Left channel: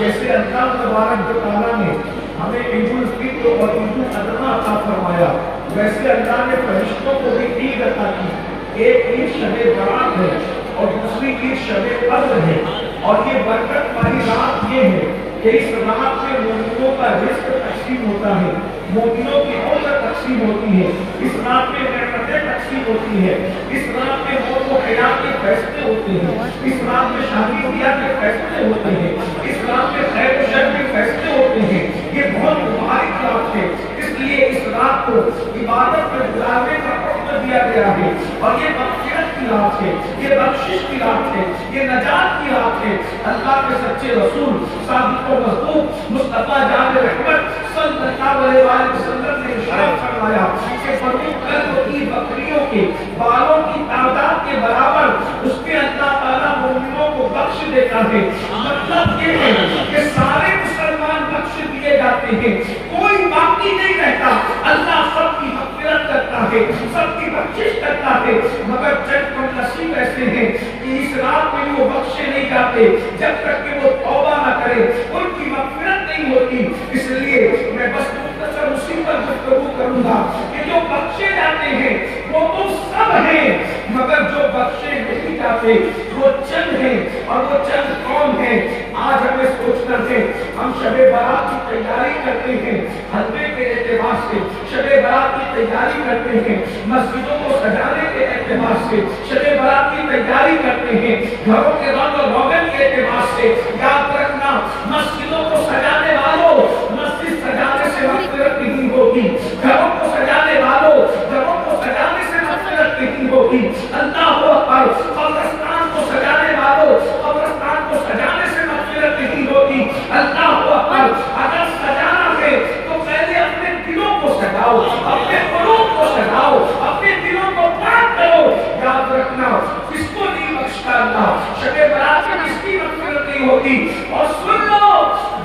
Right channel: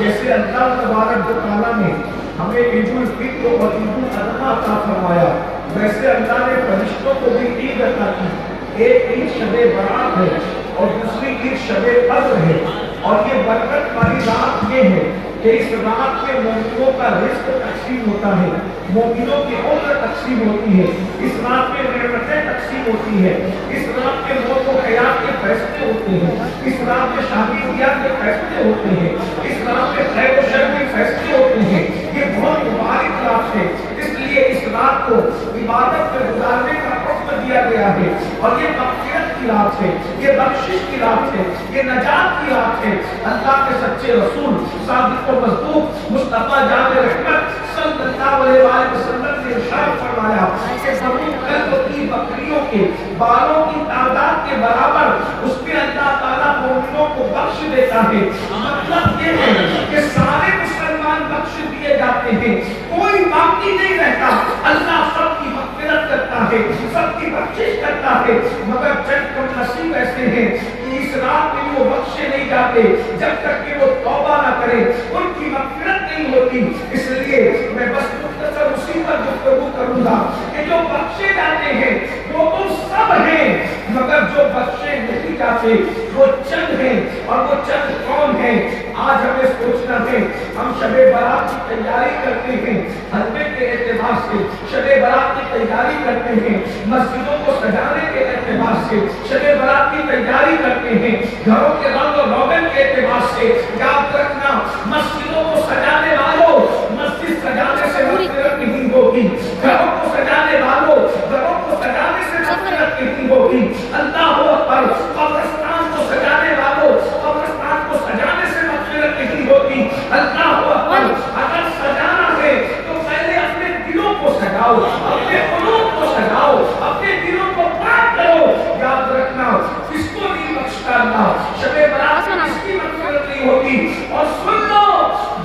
جیسے اللہ تبارک و تعالیٰ نے ہمیں عید الفطر اور عید الاضحیٰ عطا فرمایا، ویسے اللہ نے فرشتوں کو بھی عید عطا کی۔ ایک عید شب برات ہے اور دوسری عید شب قدر ہے، اور یہ برکت والی رات یہ ہے کہ اس رات میں مومنوں کا رزق تقسیم ہوتا ہے، مومنوں کی عمر تقسیم ہوتی ہے، اس رات میں نعمتیں تقسیم ہوتی ہے، اس رات میں موت و حیات کے فیصلے ہوتے ہیں، اس رات میں شادی بیاہ کے فیصلے ہوتے ہیں، اس رات میں خیر و شر کے فیصلے ہوتے ہیں۔ یہ بہت مبارک رات ہے، اس لیے اس رات کو عبادت میں گزارنے کا حکم دیا گیا ہے، اور یہ مغفرت کی رات ہے، یہ بخشش کی رات ہے، یہ نجات کی رات ہے۔ اللہ کے سچے رسول صادق و مصدوق مصطفیٰ جان رحمت صلی اللہ علیہ وسلم نے ارشاد فرمایا کہ بنو کلب کی بکریوں کے بالوں کی تعداد کے برابر اس کے اللہ تعالیٰ مومنوں کو بخش دیتا ہے۔ مطلب یہ ہے کہ سارے مسلمان بخش دیے جاتے ہیں، کوئی باقی نہیں رہتا، اللہ سب کی مغفرت کرتا ہے، سب کی بخشش کرتا ہے، مگر چند کم نصیب ایسے ہیں کہ اس رات میں وہ بخشے نہیں جاتے جب تک کہ وہ توبہ نہ کرے، ان کی مغفرت نہیں ہوتی۔ اس لیے میں بس مختصر اسی پر گفتگو کروں گا کہ جو بخشے جاتے ہیں وہ تو سب ہیں، مگر جو بخشے نہیں جاتے وہ چند ہیں، اور وہ چند کون ہیں؟ آج ہمیں سوچنا ہے، ہم شب برات کی تیاری کرتے ہیں، حلقے کے اعتبار سے شب برات کی تیاری کرتے ہیں، مسجدوں کو سجانے کے اعتبار سے شب برات کی تیاری کرتے ہیں، گھروں کے رنگ و روغن کے اعتبار سے۔ یاد رکھنا، مسجدوں کو سجانے والوں، مسجد سجانے سے مغفرت نہیں ہوتی، گھروں کو سجانے والوں، گھروں کو سجانے سے مغفرت نہیں ہوتی۔ اللہ اکبر، قبرستان کو سجانے والوں، قبرستان کو سجانے سے مغفرت نہیں ہوتی۔ اللہ اکبر، اگر سجانا ہے تو پہلے اپنے دلوں کو سجاؤ، اپنے قلوب کو سجاؤ، اپنے دلوں کو پاک کرو۔ یاد رکھنا، اس کو نہیں بخشتا اللہ، شب برات میں اس کی مغفرت نہیں ہوتی۔ اور سن لو،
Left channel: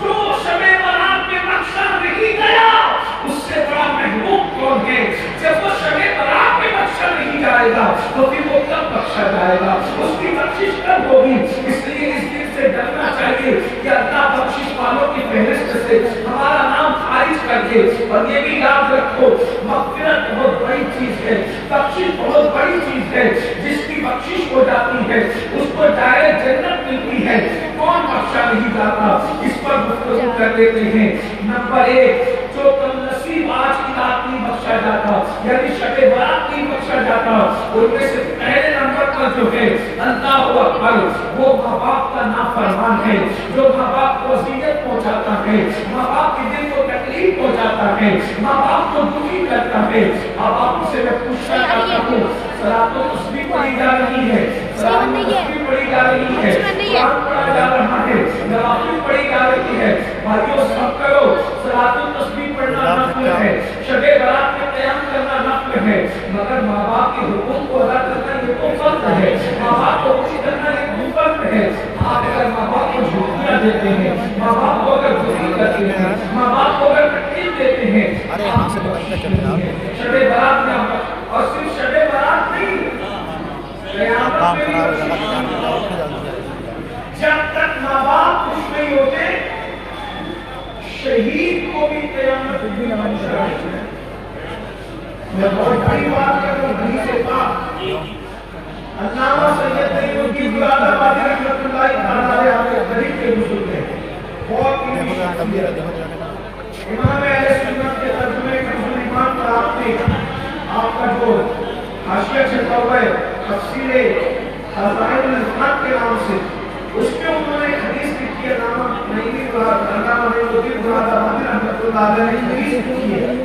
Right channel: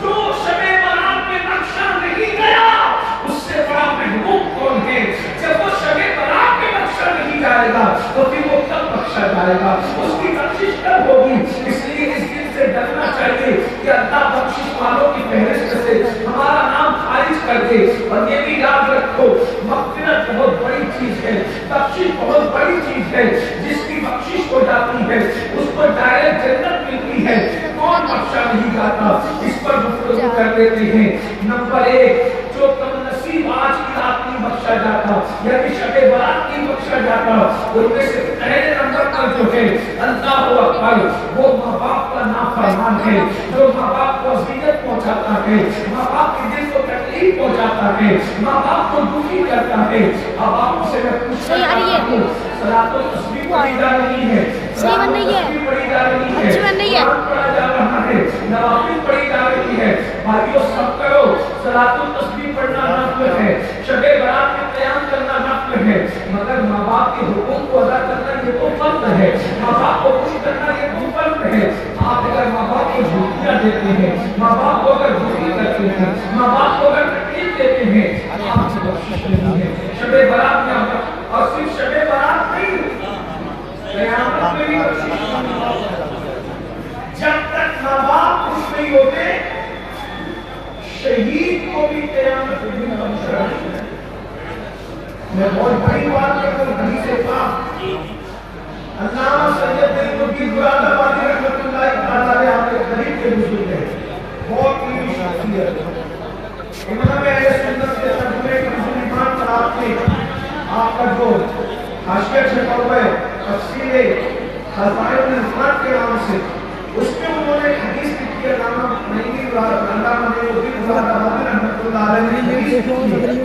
جو شب برات میں بخشا نہیں گیا اس سے بڑا محروم کون ہے؟ جب وہ شب برات میں بخشا نہیں جائے گا تو پھر وہ کب بخشا جائے گا؟ اس کی بخشش کب ہوگی؟ اس لیے اس دن سے ڈرنا چاہیے کہ اللہ بخشش والوں کی فہرست سے ہمارا نام خارج کر دے۔ اور یہ بھی یاد رکھو، مغفرت بہت بڑی چیز ہے، بخشش بہت بڑی چیز ہے۔ جس کی بخشش ہو جاتی ہے اس کو ڈائریکٹ جنت ملتی ہے۔ کون بخشا نہیں جاتا؟ اس پر گفتگو کر دیتے ہیں۔ نمبر ایک، جو کم نصیب آج کی رات نہیں بخشا جاتا، یعنی شب برات نہیں بخشا جاتا، ان میں سے پہلے نمبر پر جو ہے اللہ اکبر، وہ ماں باپ کا نافرمان ہے، جو ماں باپ کو اذیت پہنچاتا ہے، ماں باپ کے دل کو تکلیف پہنچاتا ہے، ماں باپ کو دکھی کرتا ہے۔ اب آپ سے میں پوچھنا چاہتا ہوں، صلاۃ التسبیح پڑھی جا رہی ہے، صلاۃ التسبیح پڑھی جا رہی ہے، قرآن پڑھا جا رہا ہے، نوافل پڑھی جا رہی ہے، بھائیو سب کرو۔ صلاۃ التسبیح پڑھنا نفل ہے، شب برات میں قیام کرنا نفل ہے، مگر ماں باپ کے حقوق کو ادا کرنا یہ تو فرض ہے، ماں باپ کو خوش کرنا یہ تو فرض ہے۔ آپ اگر ماں باپ کو جھوٹیاں دیتے ہیں، ماں باپ کو اگر دکھی کرتے ہیں، ماں باپ کو اگر تکلیف دیتے ہیں، آپ سے بخشش نہیں ہے۔ شب برات میں اور صرف شب برات نہیں، قیامت میں بھی بخشش نہیں ہے۔ جب تک ماں باپ خوش نہیں ہوتے، شہید کو بھی قیامت میں بخشا ہے۔ میں بہت بڑی بات کروں، حدیث پاک علامہ سید نعیم الدین رحمۃ اللہ تعالی علیہ غریب کے بزرگ ہیں، بہت علمی شخصیت، امام اہل سنت کے ترجمے کنز ایمان کا آپ کا جو حاشیہ چھپا ہوا ہے تفسیر خزائن الفرات کے نام سے، اس میں انہوں نے حدیث لکھی ہے، علامہ نعیم الدین رحمۃ اللہ علیہ نے حدیث لکھی ہے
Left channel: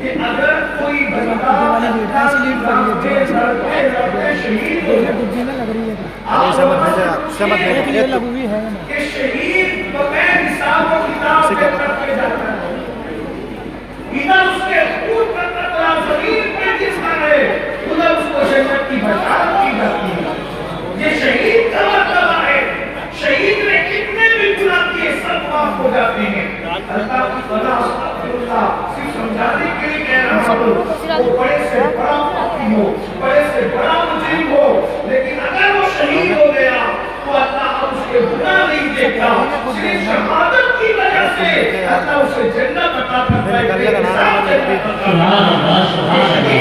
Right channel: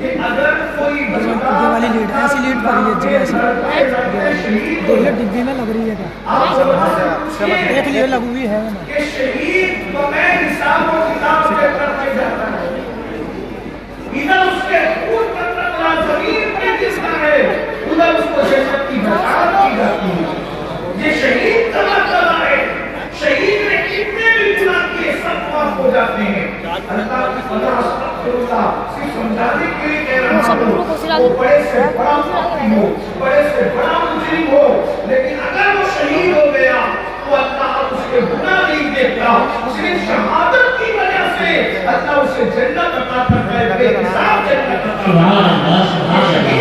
کہ اگر کوئی بندہ والی لیٹ ایسی لیٹ پڑی ہے شہید ہو ڈبی میں لگ رہی ہے آپ ایک لیٹ لگو ہوئی ہے کہ شہید بغیر حساب و کتاب کے کرتے جاتا ہے، ادھر اس کے خون کا قطرہ زمین پہ گرتا ہے، ادھر اس کو جنت کی بشارت کی جاتی ہے۔ یہ شہید کا مرتبہ ہے، شہید نے کتنے بھی گناہ کیے سب معاف ہو جاتے ہیں۔ اللہ کی فضا استغفراللہ صرف سمجھانے کے لیے کہہ رہا ہوں، وہ بڑے سے بڑا مقیم ہو، بڑے سے بڑا مجرم ہو، لیکن اگر وہ شہید ہو گیا تو اللہ اس کے گناہ نہیں دیکھتا، صرف شہادت سے جنت عطا کرتا ہے، بے حساب جنت عطا کرتا ہے۔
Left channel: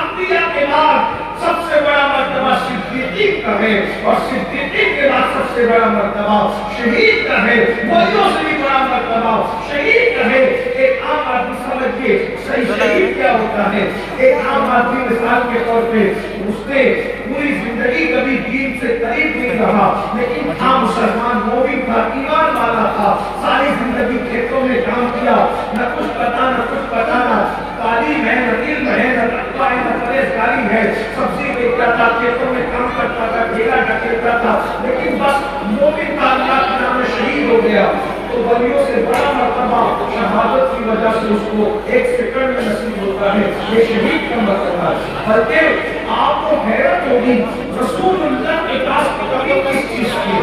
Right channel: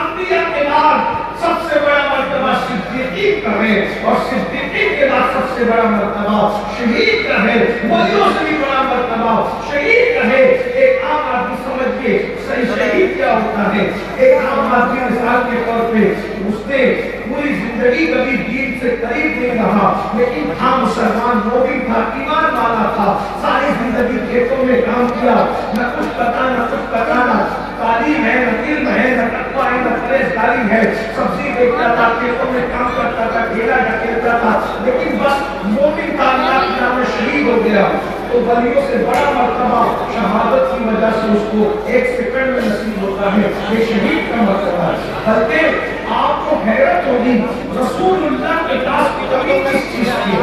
انبیاء کے بعد سب سے بڑا مرتبہ صدیقی کا ہے، اور صدیقی کے بعد سب سے بڑا مرتبہ شہید کا ہے، ولیوں سے بھی بڑا مرتبہ شہید کا ہے۔ ایک عام آدمی سمجھ کے صحیح شہید کیا ہوتا ہے؟ ایک عام آدمی مثال کے طور پہ اس نے پوری زندگی کبھی دین سے قریب نہیں رہا، لیکن تھا مسلمان، مومن تھا، ایمان والا تھا، ساری زندگی کھیتوں میں کام کیا، نہ کچھ پتا نہ کچھ پتانا، تعلیم ہے نہ علم ہے نہ تقویٰ ہے نہ پرہیزگاری ہے، سبزی بیچتا تھا، کھیتوں میں کام کرتا تھا، ڈھیلا ڈھکیلتا تھا، لیکن بس مومن تھا، اللہ کے نام میں شہید ہو گیا۔ تو ولیوں سے بڑا مرتبہ شہادت کی وجہ سے اس کو ایک سیکنڈ میں نصیب ہوتا ہے، یہ شہید کا مرتبہ ہے۔ بلکہ آپ کو حیرت ہوگی رسول اللہ کے پاس کبھی کس چیز کی،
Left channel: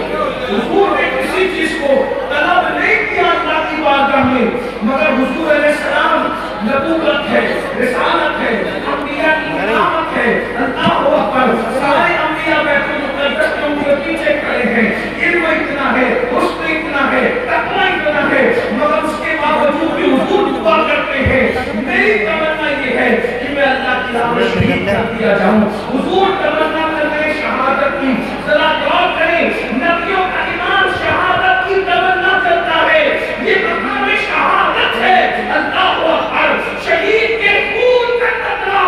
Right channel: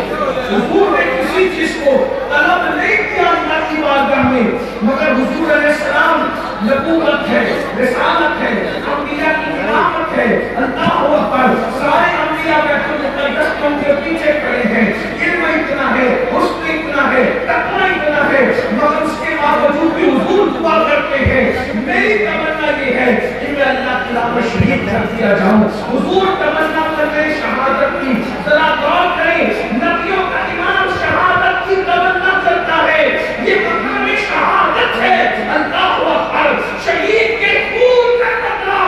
حضور نے کسی چیز کو طلب نہیں کیا اللہ کی بارگاہ میں، مگر حضور علیہ السلام نبوت ہے، رسالت ہے، انبیاء کی علامت ہے، اللہ اکبر، سارے انبیاء بیت المقدس کے ان کے پیچھے کھڑے ہیں، علم اتنا ہے، حسن اتنا ہے، تقویٰ اتنا ہے، مگر اس کے باوجود بھی حضور دعا کرتے ہیں، میری تمنا یہ ہے کہ میں اللہ کی راہ میں شہید کر دیا جاؤں۔ حضور تمنا کرتے ہیں شہادت کی، ذرا غور کریں، نبیوں کا ایمان شہادت کی تمنا کرتا ہے، یہ مقام شہادت ہے۔ اللہ اکبر، شہید کے خون کا قطرہ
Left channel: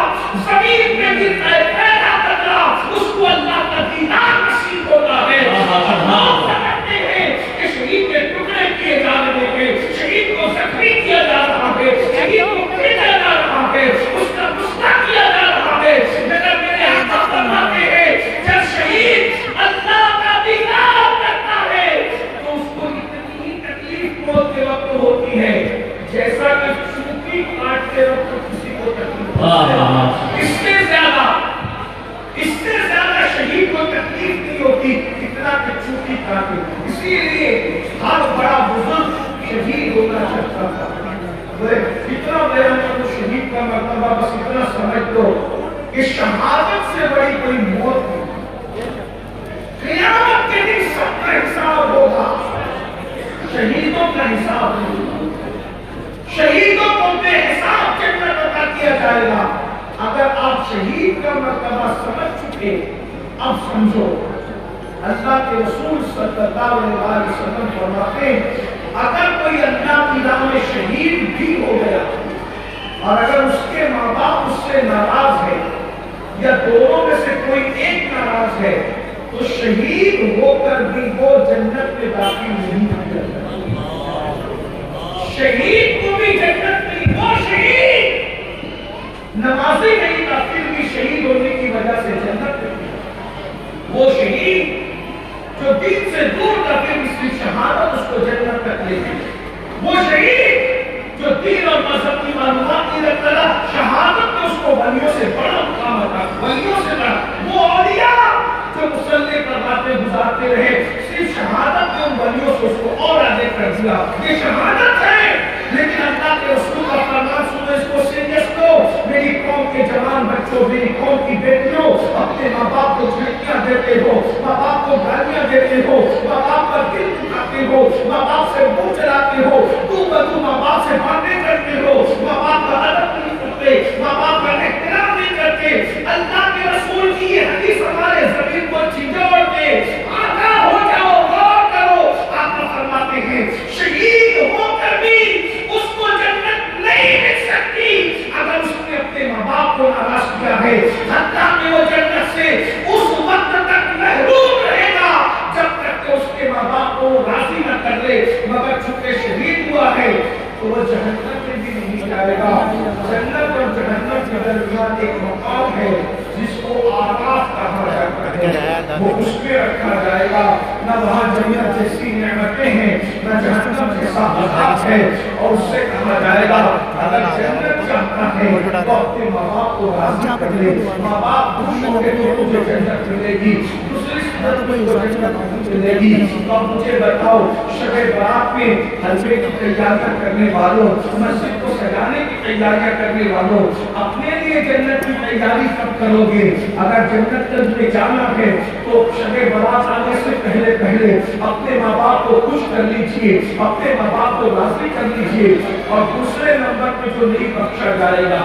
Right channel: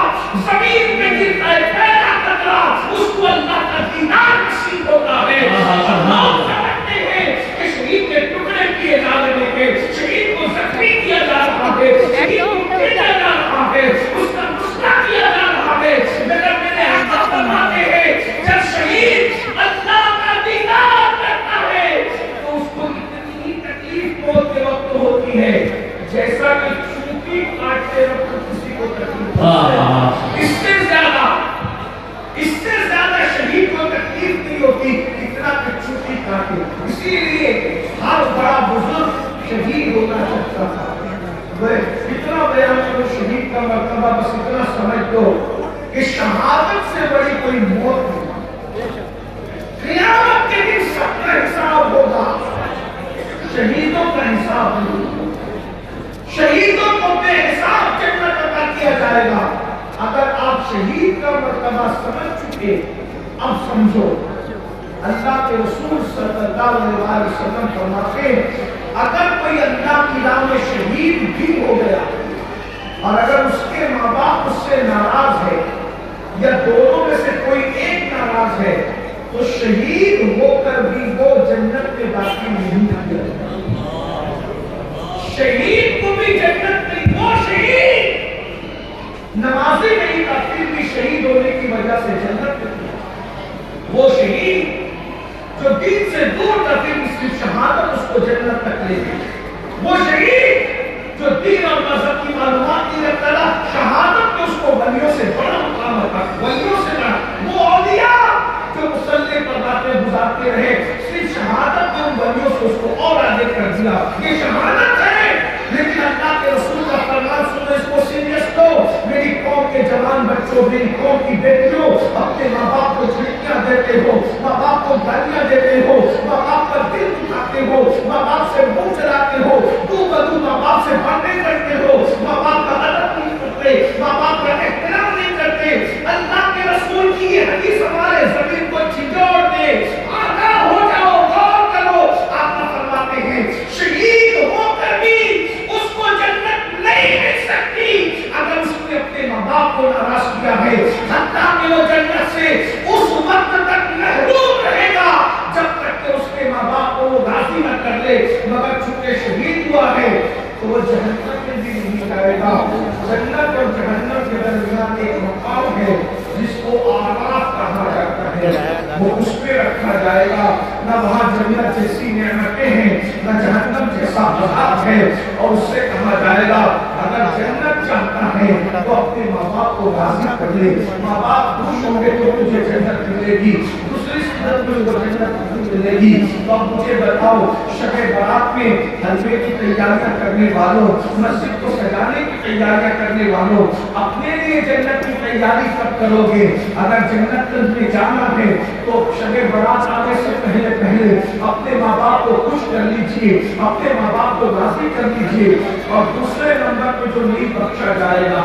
زمین میں گرتا ہے، پہلا قطرہ، اس کو اللہ کا دیدار نصیب ہوتا ہے۔ ہم سمجھتے ہیں کہ شہید کے ٹکڑے کیے جا رہے ہیں، شہید کو زخمی کیا جا رہا ہے، شہید کو بھیجا جا رہا ہے، اس کا غصہ کیا جا رہا ہے، مگر میرے حضرت فرماتے ہیں جب شہید اللہ کا دیدار کرتا ہے تو اس کو اتنی ہی تکلیف موت کے وقت ہوتی ہے جیسا کہ چونٹی کاٹتے وقت کسی کو تکلیف ہوتی ہے۔ اس سے زیادہ شہید کو تکلیف نہیں ہوتی اتنا کہ چونٹی کاٹے۔ اسی لیے ہر بڑا بزرگ شہید ہونا چاہتا تھا۔ اتنا بیان کرو شہید کا مرتبہ، بس اتنا سمجھ لو کہ شہادت سے بڑی کوئی موت نہیں۔ قیامت کے دن سب کا حساب ہوگا، شہیدوں کا حساب نہیں۔ شہیدوں کو بے حساب جنت عطا کیا جائے گا۔ اگر آپ شہید کا مرتبہ سمجھ چکے، اب سمجھو اللہ کے رسول صلی اللہ علیہ وسلم فرماتے ہیں اگر کوئی اللہ کی راہ میں شہید بھی ہو گیا اور اگر اس کے ماں باپ اس سے ناراض ہے یا دونوں میں سے کوئی ایک ناراض ہے تو شہید ہو کر بھی وہ جنت میں داخل نہیں کیا جائے۔ شہید کو بھی جنت میں، وہ شہید نمازی نہیں تھا پھر بھی شہید ہونے کی وجہ سے جنت میں، وہ شہید جو دین سے دور تھا پھر اس کی شہادت اس کو جنت تک لے گئی، وہ شہید جو دین اور مذہب کی معلومات نہیں رکھتا تھا شہادت کو اس کو ولیوں سے بڑا مقام تھا، ولیوں سے بڑا، وہ اولیاء جو مصلی پر باتیں گزارتے رہے صرف شہادت نے ان ولیوں سے اس کو اور آگے کر دیا۔ یہ شہادت ہے، لیکن اللہ کے رسول کا فرمان سنو، اس کو سیریس لو۔ میری قوم کے جوان بچوں، میری قوم کی بیٹیوں، اپنے ماں باپ کو جھٹکیاں دیتے ہو، ماں باپ کو گالیاں دیتے ہو، ماں باپ پر دل دکھاتے ہو، ماں باپ سے منہ چلاتے ہو، تو بدو ماں باپ سے باتیں کرتے ہو، ماں باپ کا ادب نہیں کرتے، ماں باپ کا احترام نہیں کرتے۔ اللہ کے رسول کی یہ حدیث ہمارے زمین کو چھجوڑ دے، آگاہ ہو جاؤ، غور کرو۔ آپ فرماتے ہیں شہید ہو کر بھی اس کو جنت نہیں مل سکتی اگر اس نے اپنے ماں باپ کو ناراض کیا ہے، حتیٰ کہ وہ جنت سے اس وقت تک محروم رہے گا جب تک کہ اس کے ماں باپ کو راضی نہ کر لے، مگر چونکہ شہید ہوا ہے تو وہ جہنم میں بھی نہیں جائے گا۔ جنت اور جہنم کے درمیان ایک مقام ہے جس کو آراف کہا جاتا ہے، وہ اس میں رکھا جائے گا۔ نہ وہاں جنت جیسی نعمتیں ہیں نہ جہنم جیسا عذاب ہے، اور اس سے کہا جائے گا اگر جنت چاہتا ہے تو اپنے ماں باپ کو راضی کر لے، ماں باپ خوش ہوں گے تو تجھے جنت ملے گی، دوسری صورت میں وہ جنت نہیں मिलेगी। तो अब मुझे बताओ, शब-ए बारात में हलवे की तैयारियां करने वालों, मस्जिद को सजाने की तैयारियां करने वालों, अपने लिए जन्नत की तैयारी कब करोगे? अगर जन्नत में जाना है तो शब-ए बारात आने से पहले पहले अपने माँ बाप को खुश कर लीजिए, अपने माँ बाप को राजी कर लीजिए। और दूसरे नंबर पे जो नहीं बख्शा जाएगा,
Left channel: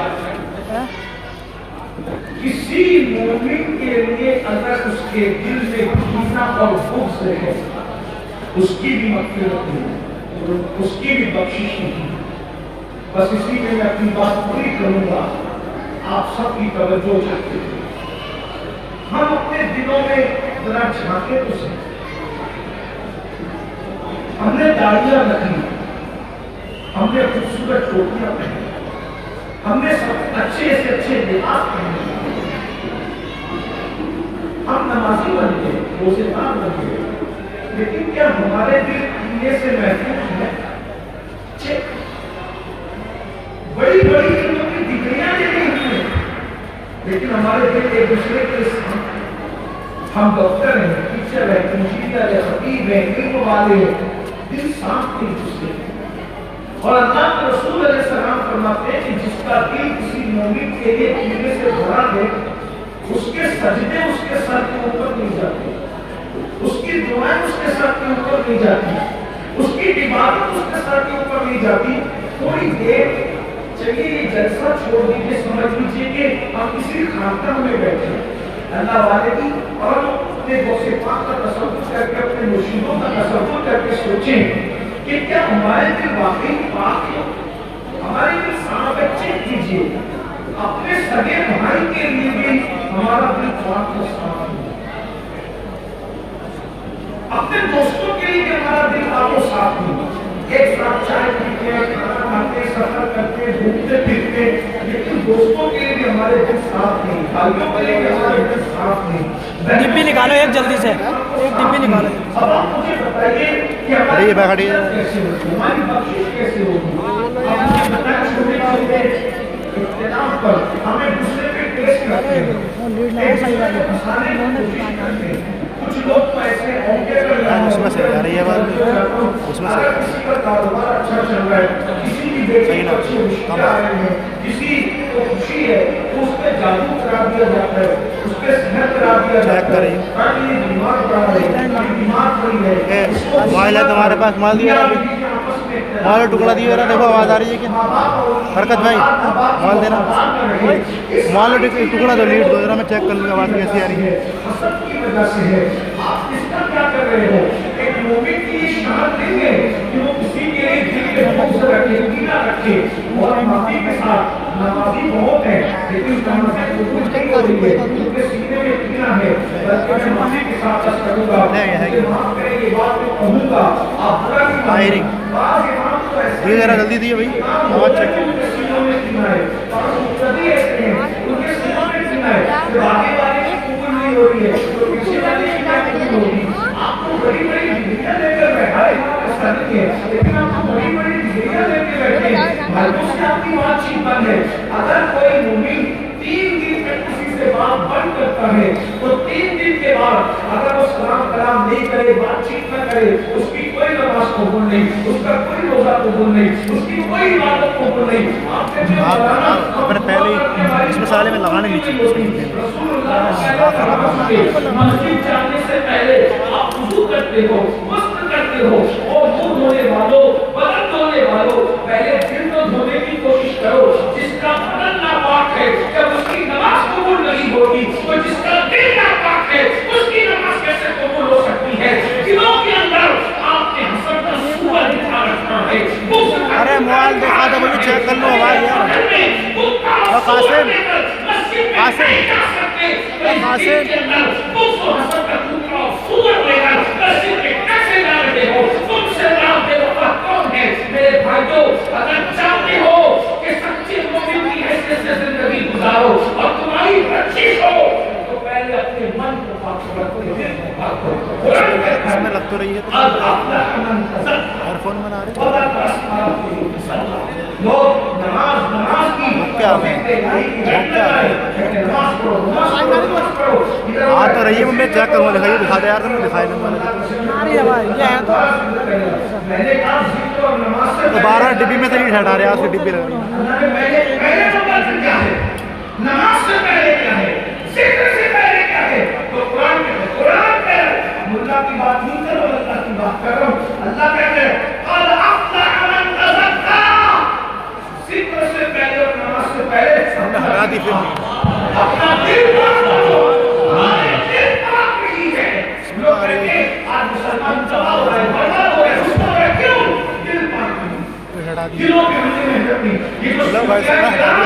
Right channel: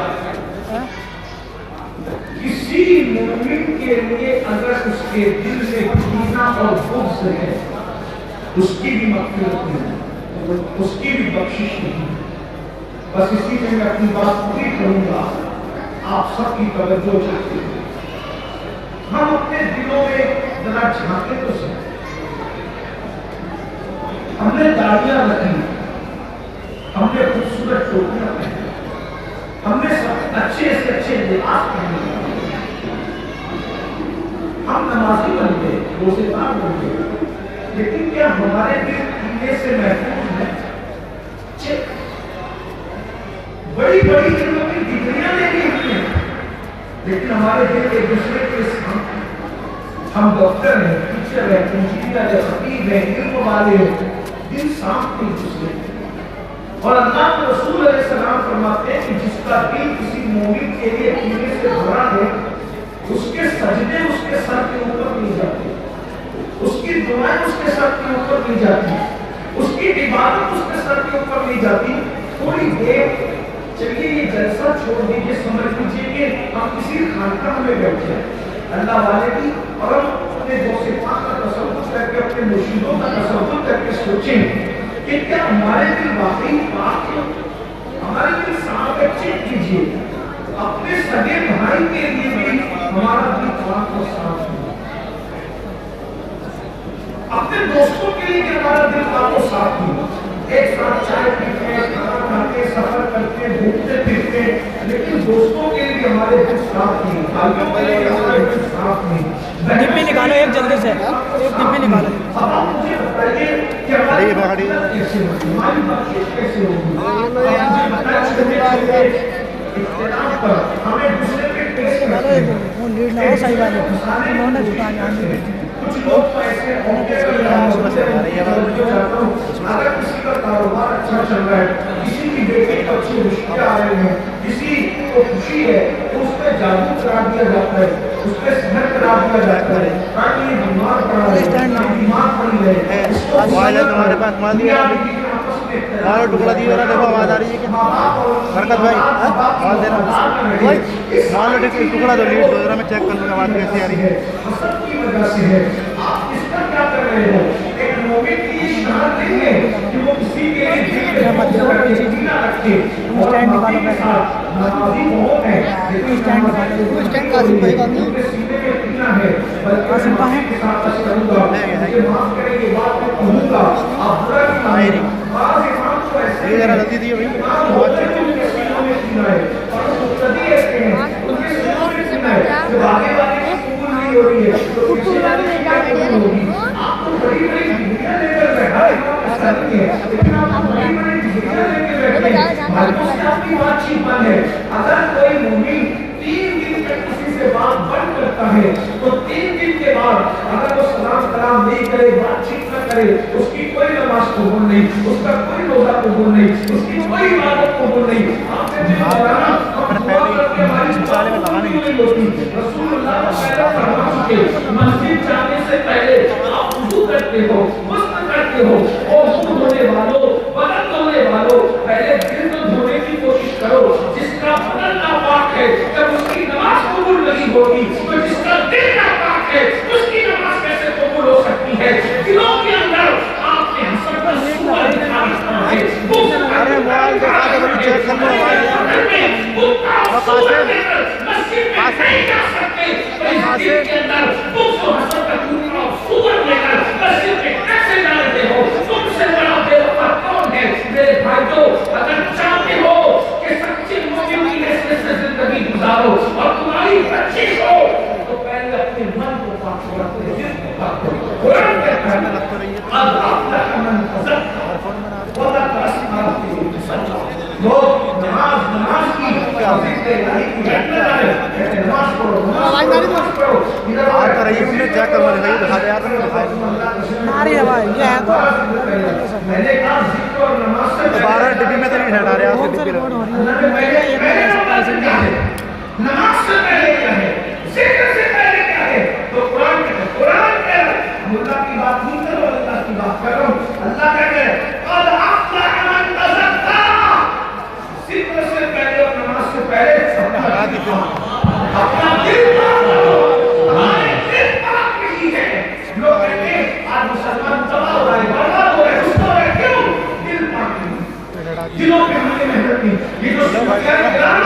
किसी मोमिन के लिए अगर उसके दिल से कीना और बुग़्ज़ है, उसकी भी मग़फ़िरत नहीं, उसकी भी बख्शिश नहीं। बस इसी में मैं अपनी बात पूरी करूंगा, आप सबकी तवज्जो चाहते हैं। हम अपने दिलों में जरा झांके तो सही। हमने दाढ़ियां रखी, हमने खूबसूरत टोपियां पहनी, हमने सब अच्छे से अच्छे लिबास पहने, हम नमाजी बन गए, रोज़ेदार बन गए, लेकिन क्या हमारे दिल कीने से महफूज है? चेक। बड़ी बड़ी जगहों की डिग्रियां लेनी होती हैं, लेकिन हमारे दिल एक दूसरे के साथ हैं। हम डॉक्टर हैं, टीचर हैं, इंजीनियर हैं, खतीब हैं, इल्म वाले हैं, दिल साफ नहीं दूसरे। और अल्लाह के रसूल अलैहिस्सलाम फरमाते हैं कि जिसका दिल किसी मोमिन के लिए कीने से भरा है, उसके सजदे उसके सर के ऊपर नहीं जाते, उसकी दुआएं उसके सर के ऊपर नहीं जाती, उसकी इबादत उसके सर के ऊपर नहीं जाती। थोड़ी देर चलिए ये जलसा छोड़ दीजिए, समझ लीजिए कि हम किसी खानकाह में बैठे अल्लाह वाले की, और हम अपने गौसे पाक का तसव्वुर करके, अपने मुर्शिदों का तसव्वुर करके सोचें कि क्या हमारे दिल वाकई पाक है, हमारे दिल साफ है। चेक कीजिए, अपने सगे भाई के लिए भी हमारा दिल पाक और साफ है, अपने दोस्तों के लिए भी हमारा दिल पाक और साफ है। एक साथ चाय पीते, खाना खाते, सफर करते, घूमते फिरते, लेकिन दोस्तों के लिए भी हमारे दिल साफ नहीं, भाइयों के लिए भी हमारे दिल साफ नहीं। डिब्बी निकालो एक जल्दी से, डिब्बी निकालो। अब आप मुझे बताइए कि हमारी कैसे होगी, हमारी बख्शिश कैसे होगी? आप मुझे बताएं, छोटे छोटे इख्तिलाफ पर हमें दूसरे पे टेस्ट करते हैं, वो लीड लगाओ सही वाले फंसाने की कोशिश करते हैं। कुछ लोग तो ऐसे औके कर रहे हैं, अगर किसी का कारोबार अच्छा चल रहा है, किसी की बेटी को अच्छी रिश्ते आ रहे हैं, किसी को खुशी है, तो उस पर जादू करा दिया जाता है, उस पर सहर करा दिया जाता है, ताकि ये बीमार पड़ा है, ये बीमार पड़ी है, तुम्हारे पास माल दिया, माल टुकड़ा दिया, देखो आवाज आ रही है कि बरकत भाई माल देना, माल टुकड़ा दो, लीड दो, जरा मैं चेक कर लूँगा आवाज कैसी आ रही है। हसद की वजह से है। आप इसका क्या कर रहे हो? एक मोमिन की ये शान नहीं है कि वो किसी के लिए दिल में बुग़्ज़ रखे, कीना रखे। और नमाज़ी के साथ, नमाज़ी बहुत है, लेकिन नमाज़ी उनके सीने में कीना है, बल्कि नमाज़ी के साथ अर्ज़ करूँगा, मुझे माफ करेंगे, बात में कहूँगा, आप बुरा नहीं मानिए। बाज़ इमाम तो ऐसे ये जरा जल्दी दिए भाई, बहुत अच्छे, उनके सीनों में कीना है, और मुक़्तदी ऐसे हैं, उनके सीनों में कीना है, जो आगे कबूल नहीं हो रही है, तो पीछे वाली शिकायत कबूल होगी। आपको बड़ी बड़ी डिग्रियां लेकर बैठा है, ऐसा नहीं है, लेकिन आपको बड़ी बड़ी डिग्रियां लेकर बैठे हैं, भाइयों से आपकी बातचीत बंद है। अगर कोई मुमिन 3 दिन तक किसी से बात बंद करता है, तो 3 दिन के बाद अगर वो सलाम कलाम नहीं करे, बातचीत न करे, उसकी कोई नमाज कबूल नहीं, उसका कोई रोजा कबूल नहीं, उसकी कोई इबादत कबूल नहीं। आपने मिसाले में लगाने मस्जिद जाने से पहले आप वुज़ू करते हो, मस्त करते हो, और मुंह धोने वालों, बदन धोने वालों, पहले दिल को धोने की कोशिश करो। जिसका बदन नापाक है, जब उसकी नमाज कबूल नहीं होगी, तो जिसका दिल नापाक है, उसकी नमाज कैसे कबूल हो सकती है? दिलों के अंदर आपने हसद का सूआ दिखा रखा है, लोग नमाज की नमाज को पढ़ो, नमाज पढ़ो। इधर आज तो रही है मुझे चेक करो, दिखाइए, दिखा दे यार, तुमने दिखाई नहीं। मारी है भाई, ये है तो मैंने कहा जिक्र और नमाज से दोबारा डिब्बी में तो नहीं हटा रहा, उसके डिब्बी में अल्लाह ने पहले नंबर से क्या है, नमाज से पहले क्या है, जिक्र से पहले क्या है, तो कुरान में है, कुरान पर मुल्ला की बात नहीं करो, अल्लाह की बात करो। अल्लाह कहते हैं कल अफ्लह मन तज़क्का, जिक्र से पहले और नमाज से पहले अपना दिल पाक करो। हमारे दिल पाक नहीं है। लोग कहते हैं आज मुसलमान तबाह हो रहा है, बर्बाद हो रहा है, सुस्त हो रहा है, क्यों? दिल पाक नहीं, दिलों पे हमने मेहनत की। ये जो सूफिया किराम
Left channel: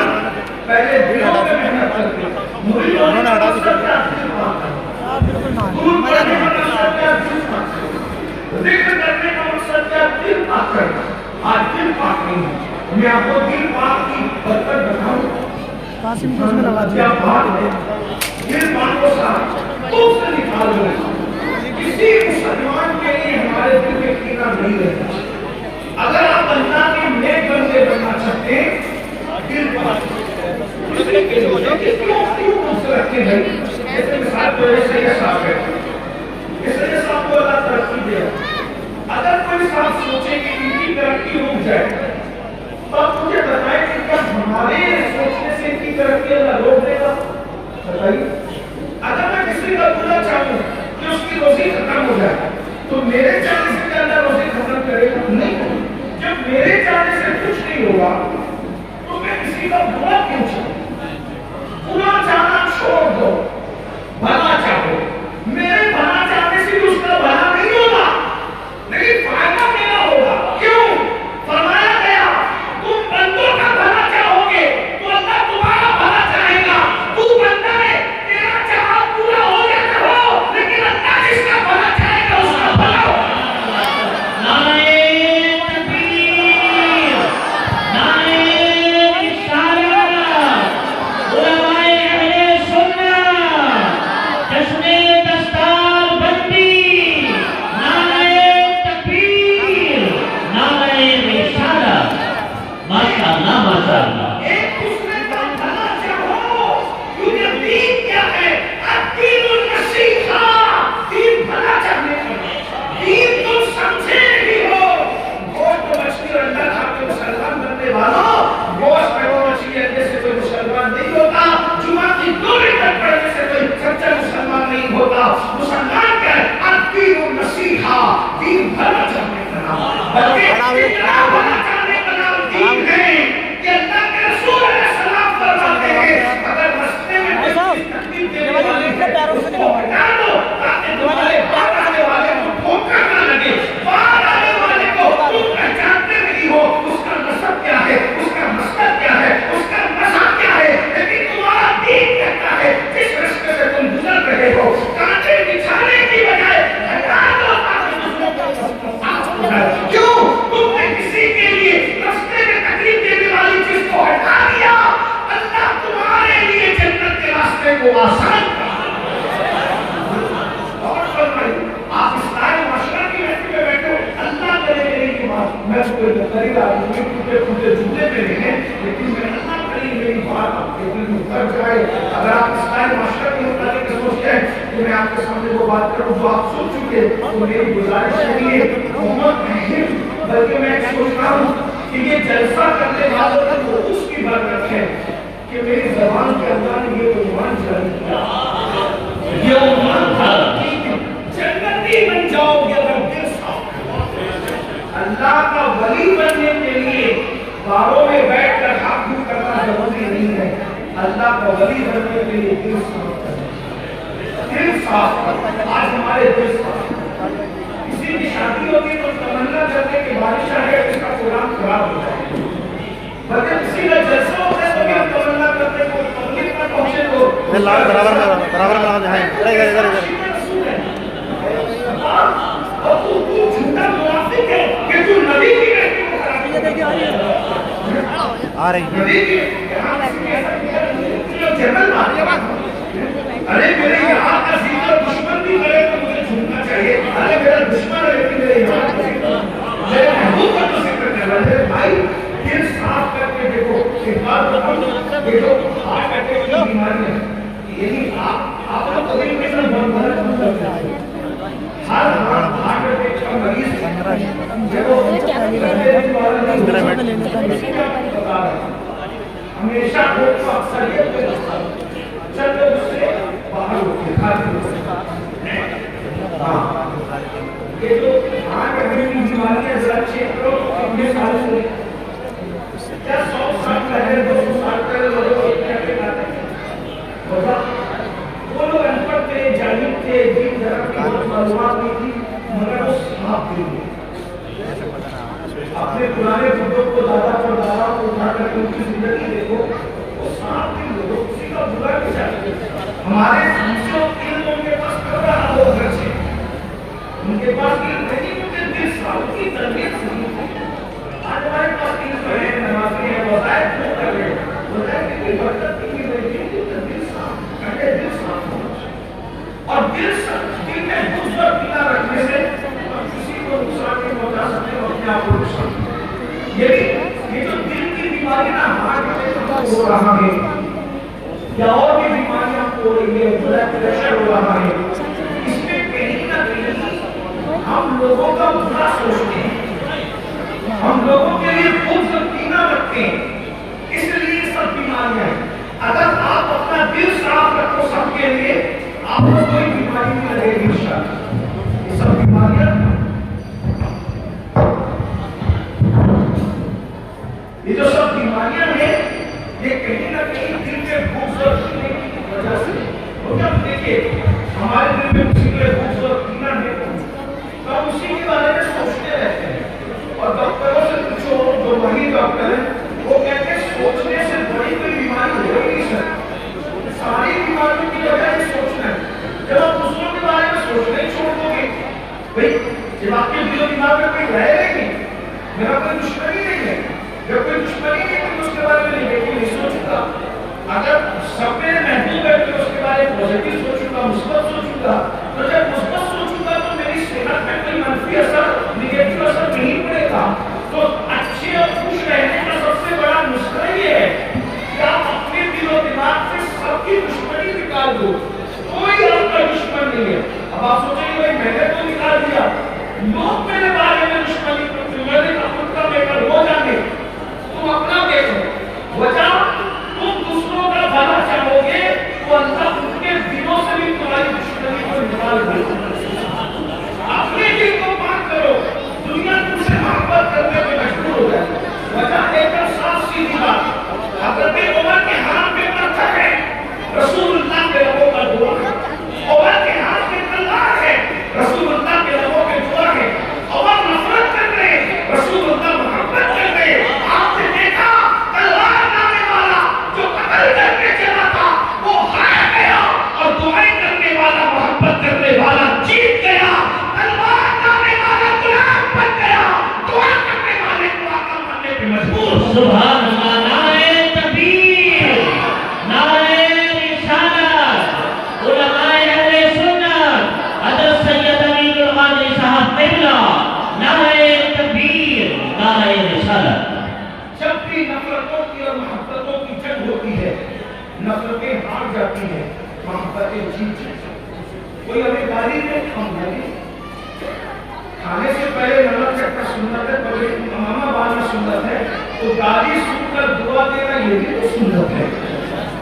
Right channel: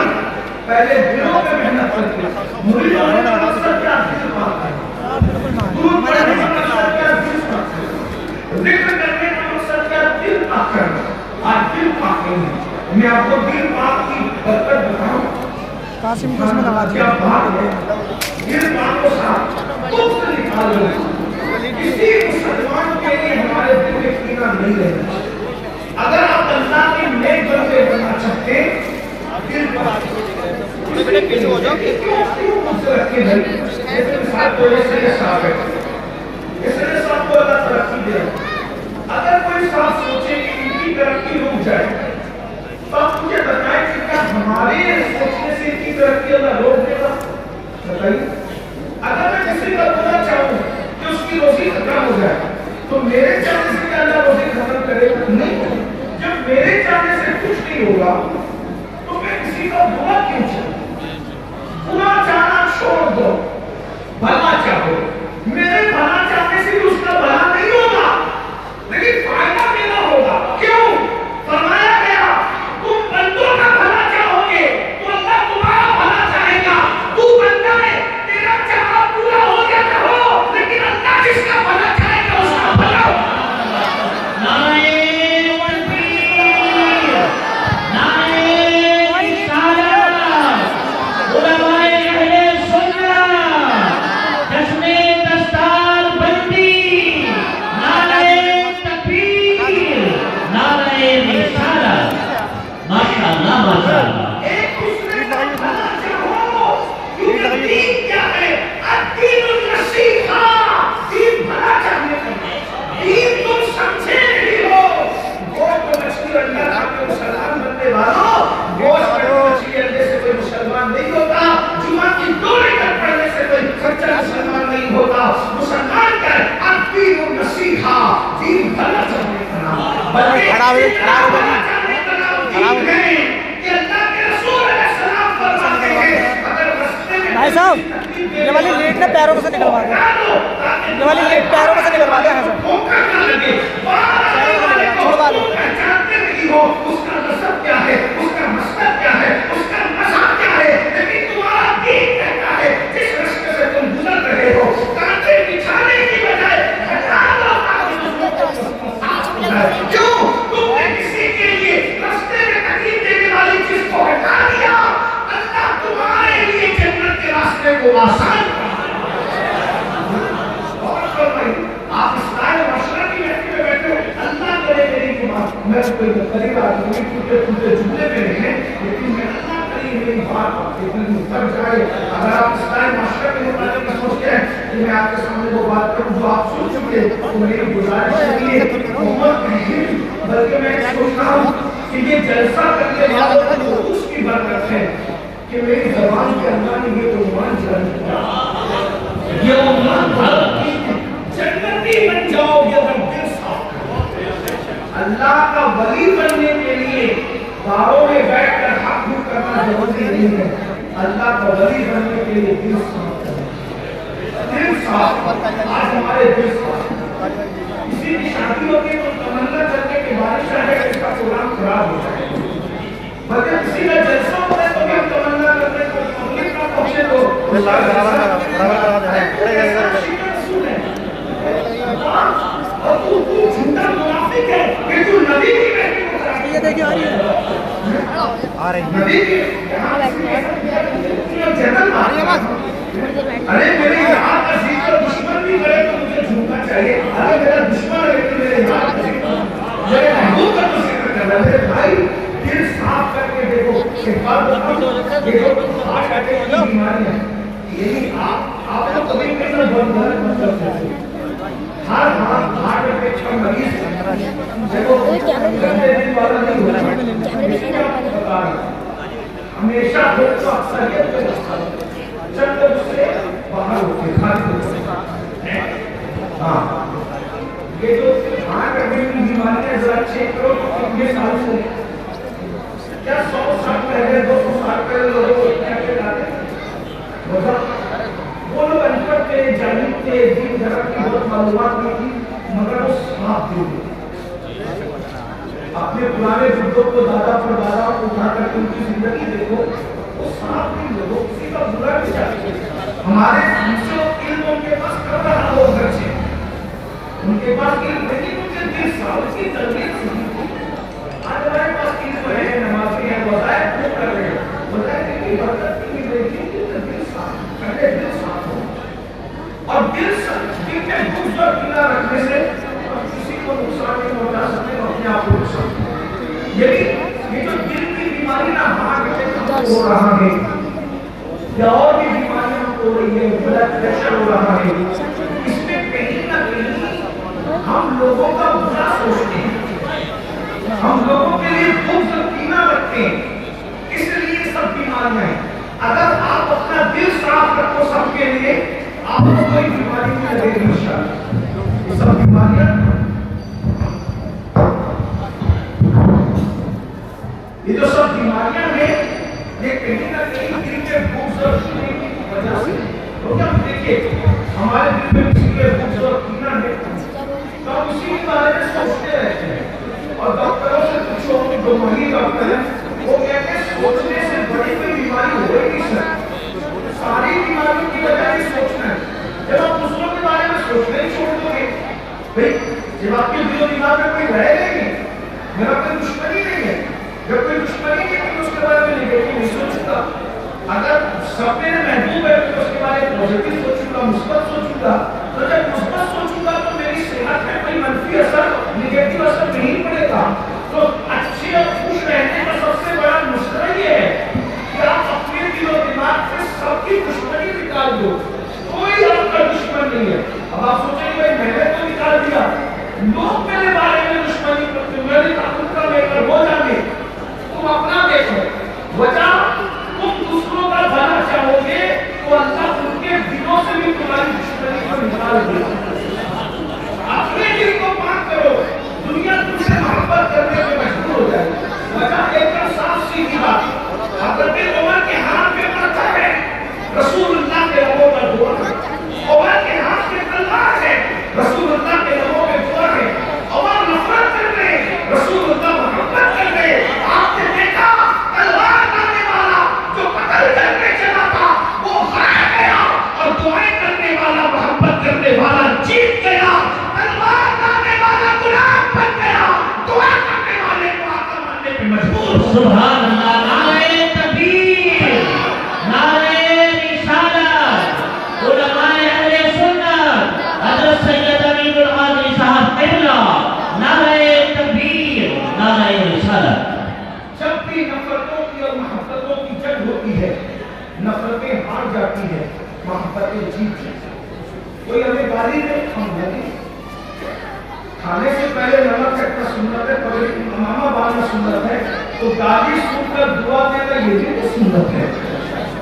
पहले दिलों पे मेहनत करते, मुरीद होने का मकसद क्या? दिल पाक करना। गुरु पढ़ने का मकसद क्या? दिल पाक करना। जिक्र करने का मकसद क्या? दिल पाक करना। आज दिल पाक नहीं है। मैं आपको दिल पाक की बरकत बताऊं, कासिम को उसमें लगा दिया। क्या बात है, दिल पाक को साफ तुम से निकाल दो। किसी मुसलमान के लिए हमारे दिल में कीना नहीं रहना। अगर आप अल्लाह के नेक बंदे बनना चाहते हैं, दिल पाक इसलिए के लोग कि क्यों मुझसे रखे भाई, जैसे मिसाल को ऐसे साफ है, इसलिए साफ को अल्लाह तरक्की दे। अगर कोई साफ सोचे कि इनकी तरक्की रुक जाए, तो आप मुझे बताएं कि क्या हमारे सोचने से इनकी तरक्की अल्लाह रोक देगा? बताइए। अगर मैं किसी का बुरा चाहूं कि उसकी रोजी खत्म हो जाए, तो मेरे चाहने से क्या अल्लाह रोजी खत्म करेगा? नहीं होगा। जब मेरे चाहने से कुछ नहीं होगा, तो मैं किसी का बुरा क्यों चाहूं? बुरा चाहना छोड़ दो, भला चाहो। मेरे भला चाहने से भी उसका भला नहीं होगा, लेकिन फायदा मेरा होगा। क्यों? फरमाया गया तुम बंदों का भला चाहोगे तो अल्लाह तुम्हारा भला चाहेगा। तू बंदा है, तेरा चाह पूरा हो या ना हो, लेकिन अल्लाह जिसका भला चाहेगा उसका भला होगा। नारे तकबीर, नारे रिसालत, उलमाए अहले सुन्नत, जश्ने दस्तार बंदी, नारे तकबीर, नारे रिसालत। माशाअल्लाह, माशाअल्लाह। एक दूसरे का भला चाहो, क्योंकि दीन क्या है? अद्दीनुन नसीहा, दीन भला चाहने की। दीन तुम समझे नहीं हो। गोश्त मछली और अंडा खाते मुसलमान बनने वालों, गोश्त मछली अंडे से कोई मुसलमान नहीं होता। जुमा की दूरी तक पढ़ने से कोई सच्चा मुसलमान नहीं होता। मुसलमान क्या है? अद्दीनुन नसीहा, दीन भला चाहने का नाम। बल्कि इतना भला चाहने का नाम दीन है कि अल्लाह के रसूल अलैहिस्सलाम फरमाते हैं, अगर रास्ते में भाई साहब, ये वाली लेट ने पैरों से निकलवा दिया, ये वाली लेट पैरों से निकलवा दिया। ठोकर ना लगे, बाहर आने वाले को पहचानते नहीं हो, उसका नसब क्या है, उसका मसलब क्या है, उसका मज़हब क्या है, लेकिन तुम्हारा दीन कहता है जिस रास्ते से तुम गुजर रहे हो, कांटे बिछाने की बजाय हटा दो ताकि दूसरों को साफ हो जाए। क्यों? तुमने किसी के लिए रास्ते में तकलीफ देने वाली चीज को हटा दिया, अल्लाह तुम्हारे लिए जन्नत के रास्ते को आसान कर। और फरमाइए, आप इस्लाम माशरा की महफिल में बैठे हो, अल्लाह करे मेरी बात, मैं कोई मुकर्रिर आदमी टूटे जुमले में नहीं है, लेकिन मैं अल्लाह करे मेरी बात आपके दिल में उतर जाए। अगर आप इस्लाम माशरा के मुताबिक सोचते हैं कि मैं आपके सामने वो बात करूं जो आप सुन चुके, तो मेरी गुजारिश नहीं है, मोहम्मद नहीं, बल्कि मैं सोच रहा हूं कि ये जलसा करने वालों को उसकी बरकत है कि मेरी ज़बान के अंदर में ये उन्वान जारी किया, ये उन्वान था कि जन्नती बन जाओगे अगर दिल साफ हो। अल्लाह का वली बनने के लिए बारों में बैठकर हक भू करना जरूरी नहीं है। अल्लाह का वली बनने के लिए दिल साफ करना, दिल साफ। आज हमारे दिल साफ। किसी की शादी होती है तो तमन्ना करने के बारिश आ जाए इसका प्रोग्राम खराब हो जाए, बल्कि किसी का जलसा होता है तो भी हम तमन्ना करते हैं पब्लिक का पहुंचे तो उसका जलसा और तू झूठा मुनाफिक है कि तू नबी की बेटी को खराब। ये देखिए आ रही नबी की जन्नत आ रही है। अरे मेरे यहाँ का जिक्र दुश्मन भी करे तो मुझे झूठना चाहिए। अरे मेरा दुश्मन है लेकिन मेरे यहाँ का जिक्र, मेरे महबूब का तो जिक्र करना है। मेरे भाई दिल साफ करके देखो, एक बात बताऊं, ये जो हार्ट अटैक की बीमारी है ہمیشہ ہو تو اکثریت کا راستہ چند لوگ اس سے باہر ہوتے ہیں. ہاں یہ جو آج اگر کی بیماریاں ذرا چیک کرو تو کتنے سالوں سے کیا 100 سال پہلے 200 سال پہلے لوگوں کو کیا کہتے ہیں وجہ وہ لوگ ان پڑھ تھے جاہل تھے دین دھرم کی بہت معلومات نہیں تھی مگر وہ صاف دل تھے. اپنے پرانے بزرگوں کو دادا پر دادا کو اٹھا کر ان کی زندگی دیکھو وہ صاف دل لوگوں کسی کا برا نہیں چاہتے. ہمارے سمجھو علم ان کے پاس کر رہا وہ گھر سے ان کے پاس علم نہیں ان کے دل صاف کی تربیت صحیح تھی. آج ہمارے پاس علم ہے نمازی ہے وظائف وہ کر رہے ہیں وظائف کی برکت کی نہیں دل صاف کرنے دل صاف ہو اور دل میں بغض اور کینہ رکھنے سے کسی کو نقصان نہیں پہنچا سکتے اپنے آپ کو نقصان. یہ جو دل کی بیماری نہ ہارٹ اٹیک ہو رہا ہے یا اور بھی بیماریاں ہو رہی ہے بلڈ پریشر ہو رہا ہے اس میں کہیں نہ کہیں ہم لوگوں کا برا سوچتے ہیں ہم لوگوں کے لیے بغض اور کینہ رکھتے ہیں اس لیے سب بیماریاں ہیں. اگر آپ اپنا دل صاف رکھو سب کے لیے آپ کو کوئی بیماری نہیں لگے گی انشاءاللہ. یہ سب بیماریاں یہ جو سب بیماریاں ہیں یہ کہیں نہ کہیں دل کے بغض اور کینے کی وجہ سے. تو کیا دیکھیے ہمارے دل میں کسی کے بغض اور کینہ ہے تو ہم اسی کے بارے میں سوچتے رہتے ہیں اور ڈاکٹروں سے پوچھو جو ماہر ڈاکٹر ہیں وہ کہتے ہیں سوچنے سے بڑی کوئی بیماری ہو ہی نہیں سکتی. ساری بیماریوں کی وجہ یہ سوچنا ہے. جب آپ دوسروں کے بارے میں سوچنے چھوڑ دو گے بھائی جب آپ کے دل و دماغ میں کوئی رہے گا نہیں میرا کوئی دشمنی نہیں ہے جب کوئی دشمنی نہیں ہے تو اس کے بارے میں نہیں سوچوں گا. اگر سب میں محبوب ہے تو اس کے بارے میں پازیٹیو سوچوں گا مثبت سوچوں گا. تو جب مثبت سوچوں گا تو میری صحت میں کوئی منفی اثر نگیٹو اثر نہیں پڑے گا. تو اچھے اور خوش رہنے کا سب سے بڑا نسخہ یہ ہے کہ آپ اپنے دل و دماغ سے سب کی دشمنی نکال دو. کوئی آپ کا دشمن نہیں ہے. اب آپ سوچیں گے بھائی میں نے تو نکال دیا لوگ میرے بارے میں دشمنی کرتے میں نے کہا خود کا لے کر وہ جانے تم اپنا دیکھو وجہ تم دوسروں کا بھلا چاہو گے تو اللہ ان کے دلوں سے بھی تمہاری دشمنی کو نکال دے. اپنے دل کو پاک کرو دنیا تم سے محبت کرنے پہ مجبور ہو جائے. وجہ ایک دم صاف سیدھی بات حضرت عمر کے ہاتھ میں پتھر ہے رسول اللہ کے لبوں کا دعا ہے. عمر کے ہاتھ میں تلوار ہے رسول اللہ کے لبوں کے دعا ہے. عمر نفرت کر رہے رسول اللہ محبت کر رہے. آپ نے دیکھا تلوار لانے والا جو قتل کرنے چلا تھا وہ ہار گیا اور دعائیں کرنے والا محبت کرنے والا جیت گیا. تلوار لانے والا غلام بن گیا دعا کرنے والے کو آقا ماننے پہ مجبور. سبحان اللہ. نعرہ تکبیر نعرہ رسالت علماء اہل سنت حضرت سید امین القادری صاحب قبلہ نعرہ تکبیر نعرہ رسالت. جب بھی نفرتوں کی اور محبتوں کی جنگ ہوتی ہے نفرتیں ہار جاتی ہیں محبتیں جیت جاتی ہیں. کوئی ہمیں گالی دے ہم گالی کھانے سے پہلے نمک چٹنا سنت ہے پگڑی امامہ باندھنا سنت ہے تو گالی سن کر دعا دینا یہ بھی تو سنت ہے.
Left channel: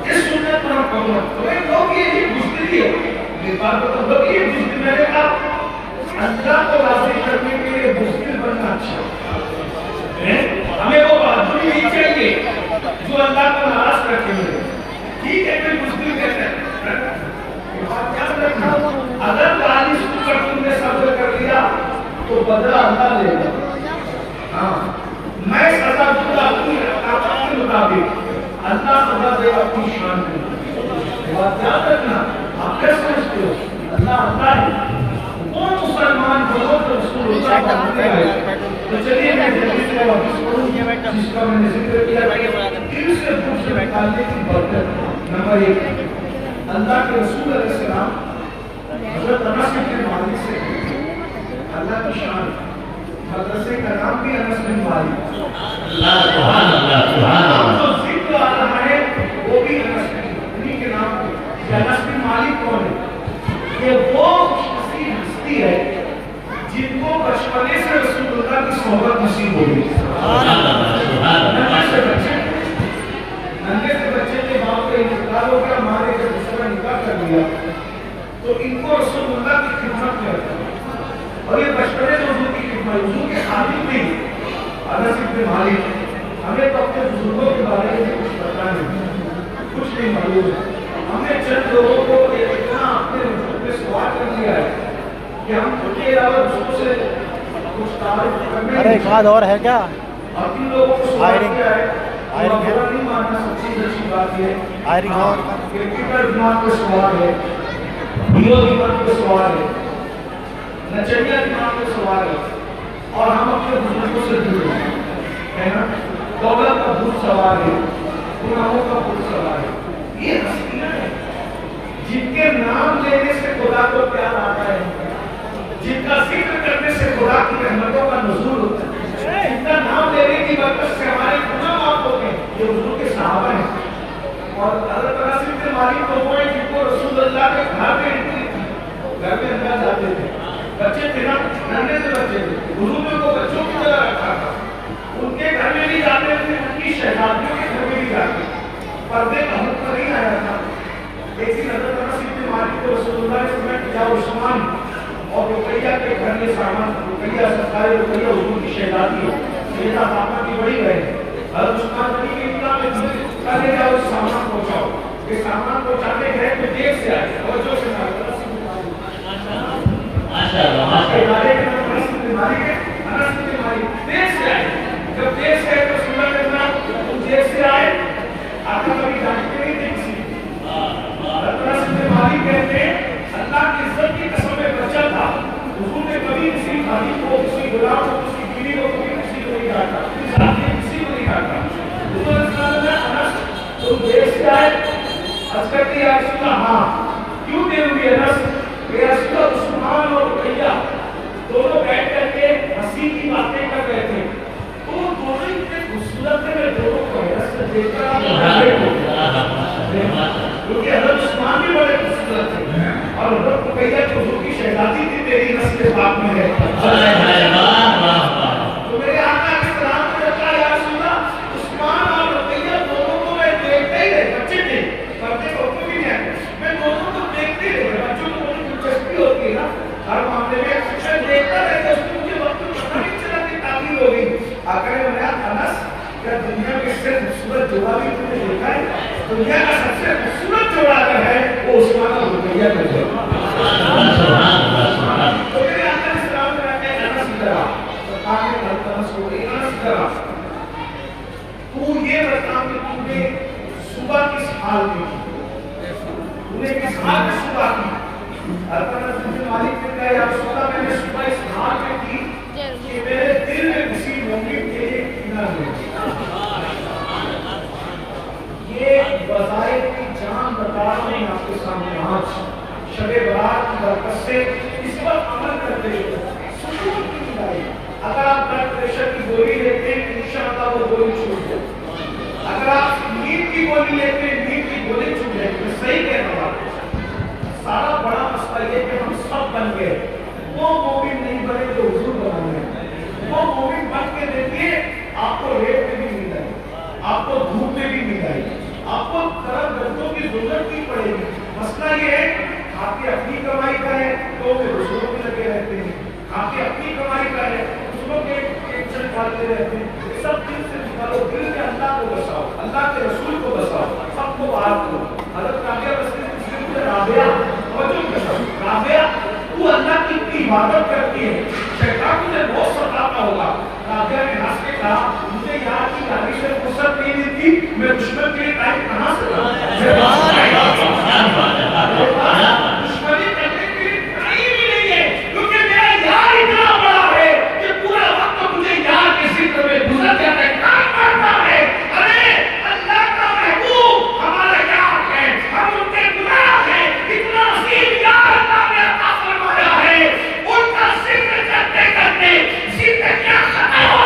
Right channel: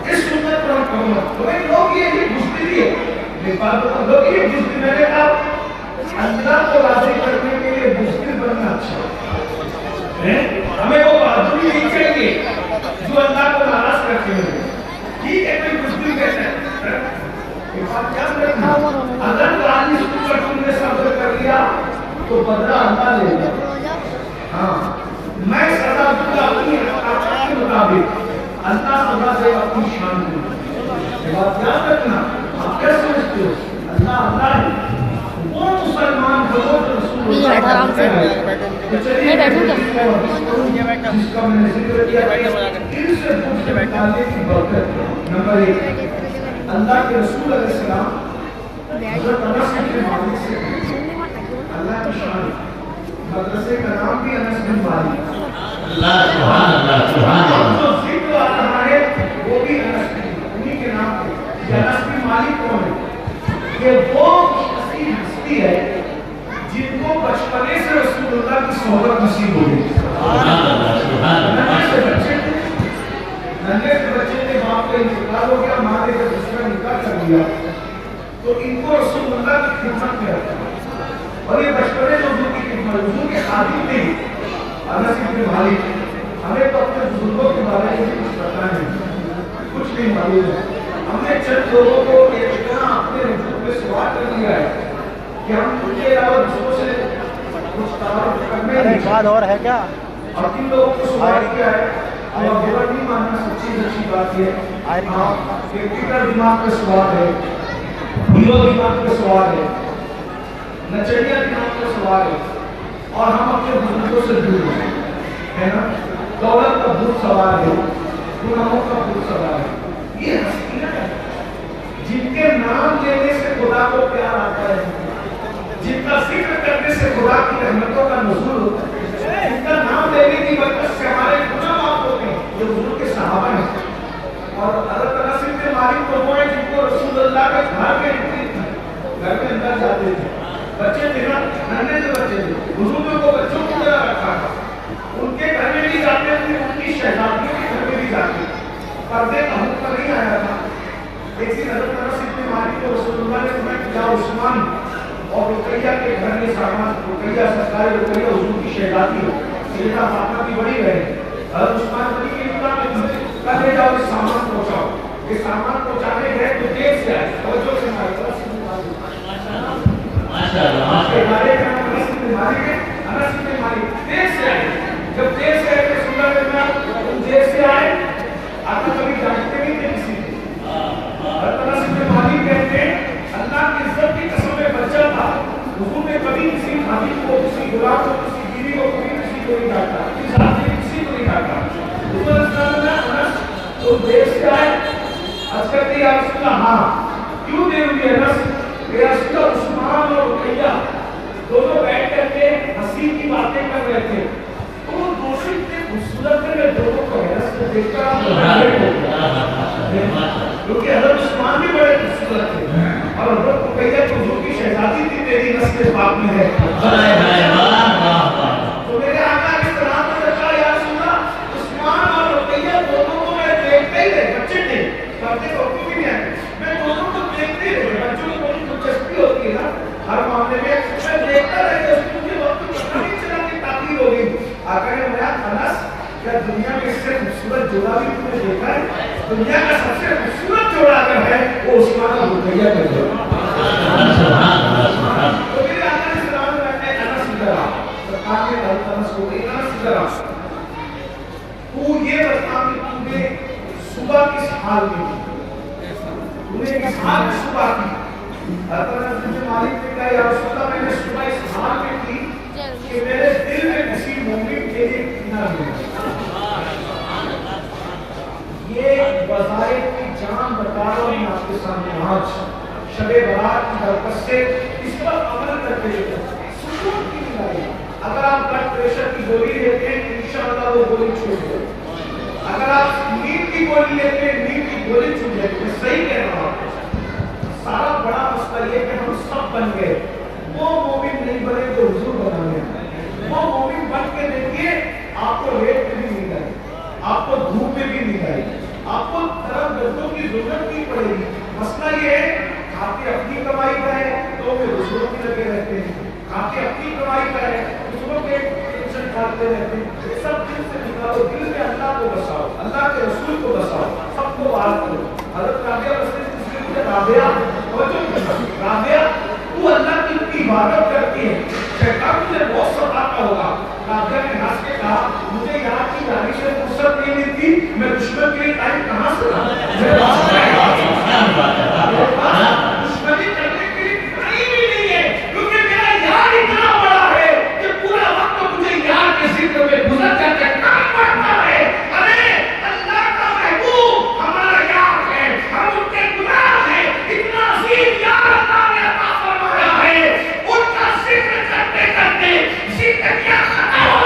اس سنت پر ہم کرنا کوئی لوگ یہ بزدلی ہے میری بات بتا لوگ یہ بزدلی میں نے کہا اللہ کو راضی کرنے کے لیے بزدل بننا اچھا ہے. ہمیں وہ بہادری نہیں چاہیے جو اللہ کو ناراض کرتے ہوئے. ٹھیک ہے کوئی بزدل کہتے ہیں بات یاد رکھنا اگر گالی سن کر تم نے صبر کر لیا تو بدلہ اللہ لے گا. ہاں میں سزا دوں گا اپنی طاقت کے مطابق اللہ سزا دے اپنی شان میں. بات یاد رکھنا. آپ کیا سمجھتے ہو اللہ اللہ ہے وہ مسلمان بولو تو رسول اللہ کا حکم ہے. تو چلیے میں جلدی سے واپس پڑھوں جس کا میں نے ذکر کیا کہ دل سے بغض سے نکالنے کی برکت. نمبر 1 اللہ کے رسول علیہ السلام حضرت انس بن مالک سے اللہ کی شان مدرسے کا نام بھی انس بن مالک. اللہ سبحان اللہ سبحان اللہ. جو ذکر آ رہا ہے وہ بھی انس بن انہی کے نام پہ. انس بن مالک کون ہے؟ یہ وہ ہستی ہے جن کو بچپنے سے رسول اللہ کی صحبت نصیب ہوئی. سبحان اللہ سبحان اللہ. ننھے سے بچے दिया, तो इनको रसूलुल्लाह की खिदमत में रखा और ये बचपने में हुजूर की खिदमत, हुजूर के खादिम नहीं। अनस इब्न मालिक, हमें तो अपने बुजुर्गों के बारे में कुछ पता नहीं, कुछ नहीं मालूम है। हमने चंद लोगों को इतना अपने वजूद में सवाल कर दिया है कि हम उनके अलावा दूसरों से कुछ तारीफ करने अरे एक बात और है क्या? और जिन लोगों को सवाल किया है और बुरा नहीं मानना, सच्ची सच्ची बात ये क्रिटिकल दिमाग का सवाल है, हीरो दिमाग का सवाल है, नचनिया दिमाग का सवाल है, और हम अपने बुजुर्गों से दूर है ना। दौलत का भूत सवाल है, गुनाहों का भूत सवाल है। ये हस्तियां हैं जिनके नाम लेने से खुदा को प्यार आता है, जिनका जिक्र करने से खुदा की रहमतों का नुज़ूल होता है, जिनका नाम लेने की बरकत से हमारे गुनाह माफ होते हैं। ये हुजूर के सहाबा हैं। और हज़रत अनस इब्न मालिक तो वो हैं जिनको रसूलुल्लाह के घर में एंट्री थी, घर में अंदर जाते थे, बच्चे थे ना, नन्हे से बच्चे थे, हुजूर ने उनको बच्चों की तरह रखा था। उनके घर में भी जाते थे, उनकी शहजादियों के घर में भी जाते थे। पर्दे का हुक्म नहीं आया था। एक दिन हज़रत अनस इब्न मालिक को रसूलुल्लाह ने फरमाया कि जाओ उस्मान और रुकैया के घर में सामान, रुकैया सरकारी रुकैया हुजूर की शहजादी है, सैयदा फातिमा की बड़ी बहन। हज़रत उस्मान गनी के इतना कहे जाओ इस सामान पहुंचाओ। ये सामान पहुंचाने गए तो देर से आए, तवज्जो से माशाल्लाह के बारे में अनस इब्न मालिक है, अनस इब्न मालिक देर से आए। जब देर से आए तो रसूलुल्लाह ने फरमाया तुम देर से आए, आपको कभी डांटते नहीं थे किसी को। हज़रत अनस इब्न मालिक कहते हैं अल्लाह की इज्जत की कसम में बच्चा था, हुजूर ने कभी किसी खादिम को, किसी गुलाम को, किसी बीवी को, कभी किसी को नहीं डांटा, किसी जात ने किसी को नहीं डांटा। हुजूर ने फरमाया अनस तुम देर से आए। अर्ज़ करते या रसूलल्लाह हाँ, क्यों देर हुई अनस? या रसूलल्लाह उस्मान और रुकैया दोनों बैठ करके हंसी की बातें कर रहे थे, तो वो दोनों इतने खूबसूरत थे, मैं दोनों को हैरत से देखकर क्योंकि हज़रत उस्मान भी बड़े खूबसूरत थे और हज़रत रुकैया तो हुजूर की शहजादी थी, तेरी नस्ल पाक में है। तो मेरे आका इस तरह से कहा या रसूलल्लाह उस्मान और रुकैया दोनों को मैं देखते ही रहे, बच्चे थे, पर्दे का हुक्म भी नहीं आया, मैं दोनों को देखते ही रहे। बच्चों को बड़ी दिलचस्पी होती है ना हर मामले में, मैं देखता रहता, उसको मुझे वक्त पता नहीं चला कि ताक़ीद हो गई। आका ने बताया अनस क्या दुनिया में इससे खूबसूरत जोड़ा भी तुमने देखा है? दुनिया का सबसे खूबसूरत जोड़ा अगर है वो उस्मान और रुकैया का जोड़ा। तो मेरे आका ने सलाम में कहते हैं अनस इधर आ, सरकार ने कहा अनस को अनस इधर आ, तू ये बता कि तूने सुबह किस हाल में की, तूने किस हाल में सुबह की? हज़रत अनस इब्न मालिक ने कहा या रसूलल्लाह मैंने सुबह इस हाल में की कि मेरे दिल में किसी मोमिन के लिए कीना नहीं। ये वज़ाइफ की जान बता रहा हूँ आपके सामने आज शबे बरात की बरकत से इस पर अमल करते हुए सुकून की मिलाई। अगर आप ब्लड प्रेशर की गोली लेते हैं इंशाअल्लाह वो गोली छूट जाए। अगर आप नींद की गोली लेते हैं नींद की गोली छूट जाए। मैं सही कह रहा हूँ। सारा बड़ा मसला ये कि हम सब बन गए, वो मोमिन नहीं बने जो हुजूर बना गए। वो मोमिन बन के देखिए आपको रेत में भी मिल जाए, आपको धूप में भी मिल जाए, आपको तरह दर्दों की जरूरत नहीं पड़ेगी। मसला ये है खाते अपनी कमाई का है तो वे दूसरों में लगे रहते हैं, खाते अपनी कमाई का है दूसरों के टेंशन पालते रहते हैं। सब दिल से निकालो, दिल में अल्लाह को बसाओ, अल्लाह के रसूल को बसाओ, सबको बात करो। हज़रत राबिया बसरी इसलिए मुझे राबिया राबिया तू अल्लाह की इतनी इबादत करती है, शैतान तुझे बहुत सताता होगा। राबिया ने हंस के कहा मुझे याद की गाली से फुर्सत नहीं मिलती, मैं दुश्मन के लिए टाइम कहाँ से लाऊं? दुश्मनी करने के लिए टाइम ही नहीं है, क्योंकि मेरा यार इतना बड़ा है कि पूरा वक्त मुझे यार के जिक्र में गुजर जाता है, काम करता है। अरे अल्लाह का महबूब हमारा यार है, हम उनके गुलाम हैं, इतना अजीम यार अल्लाह ने अता फरमाया है, उनका जिक्र करते करते जिंदगियां खत्म हो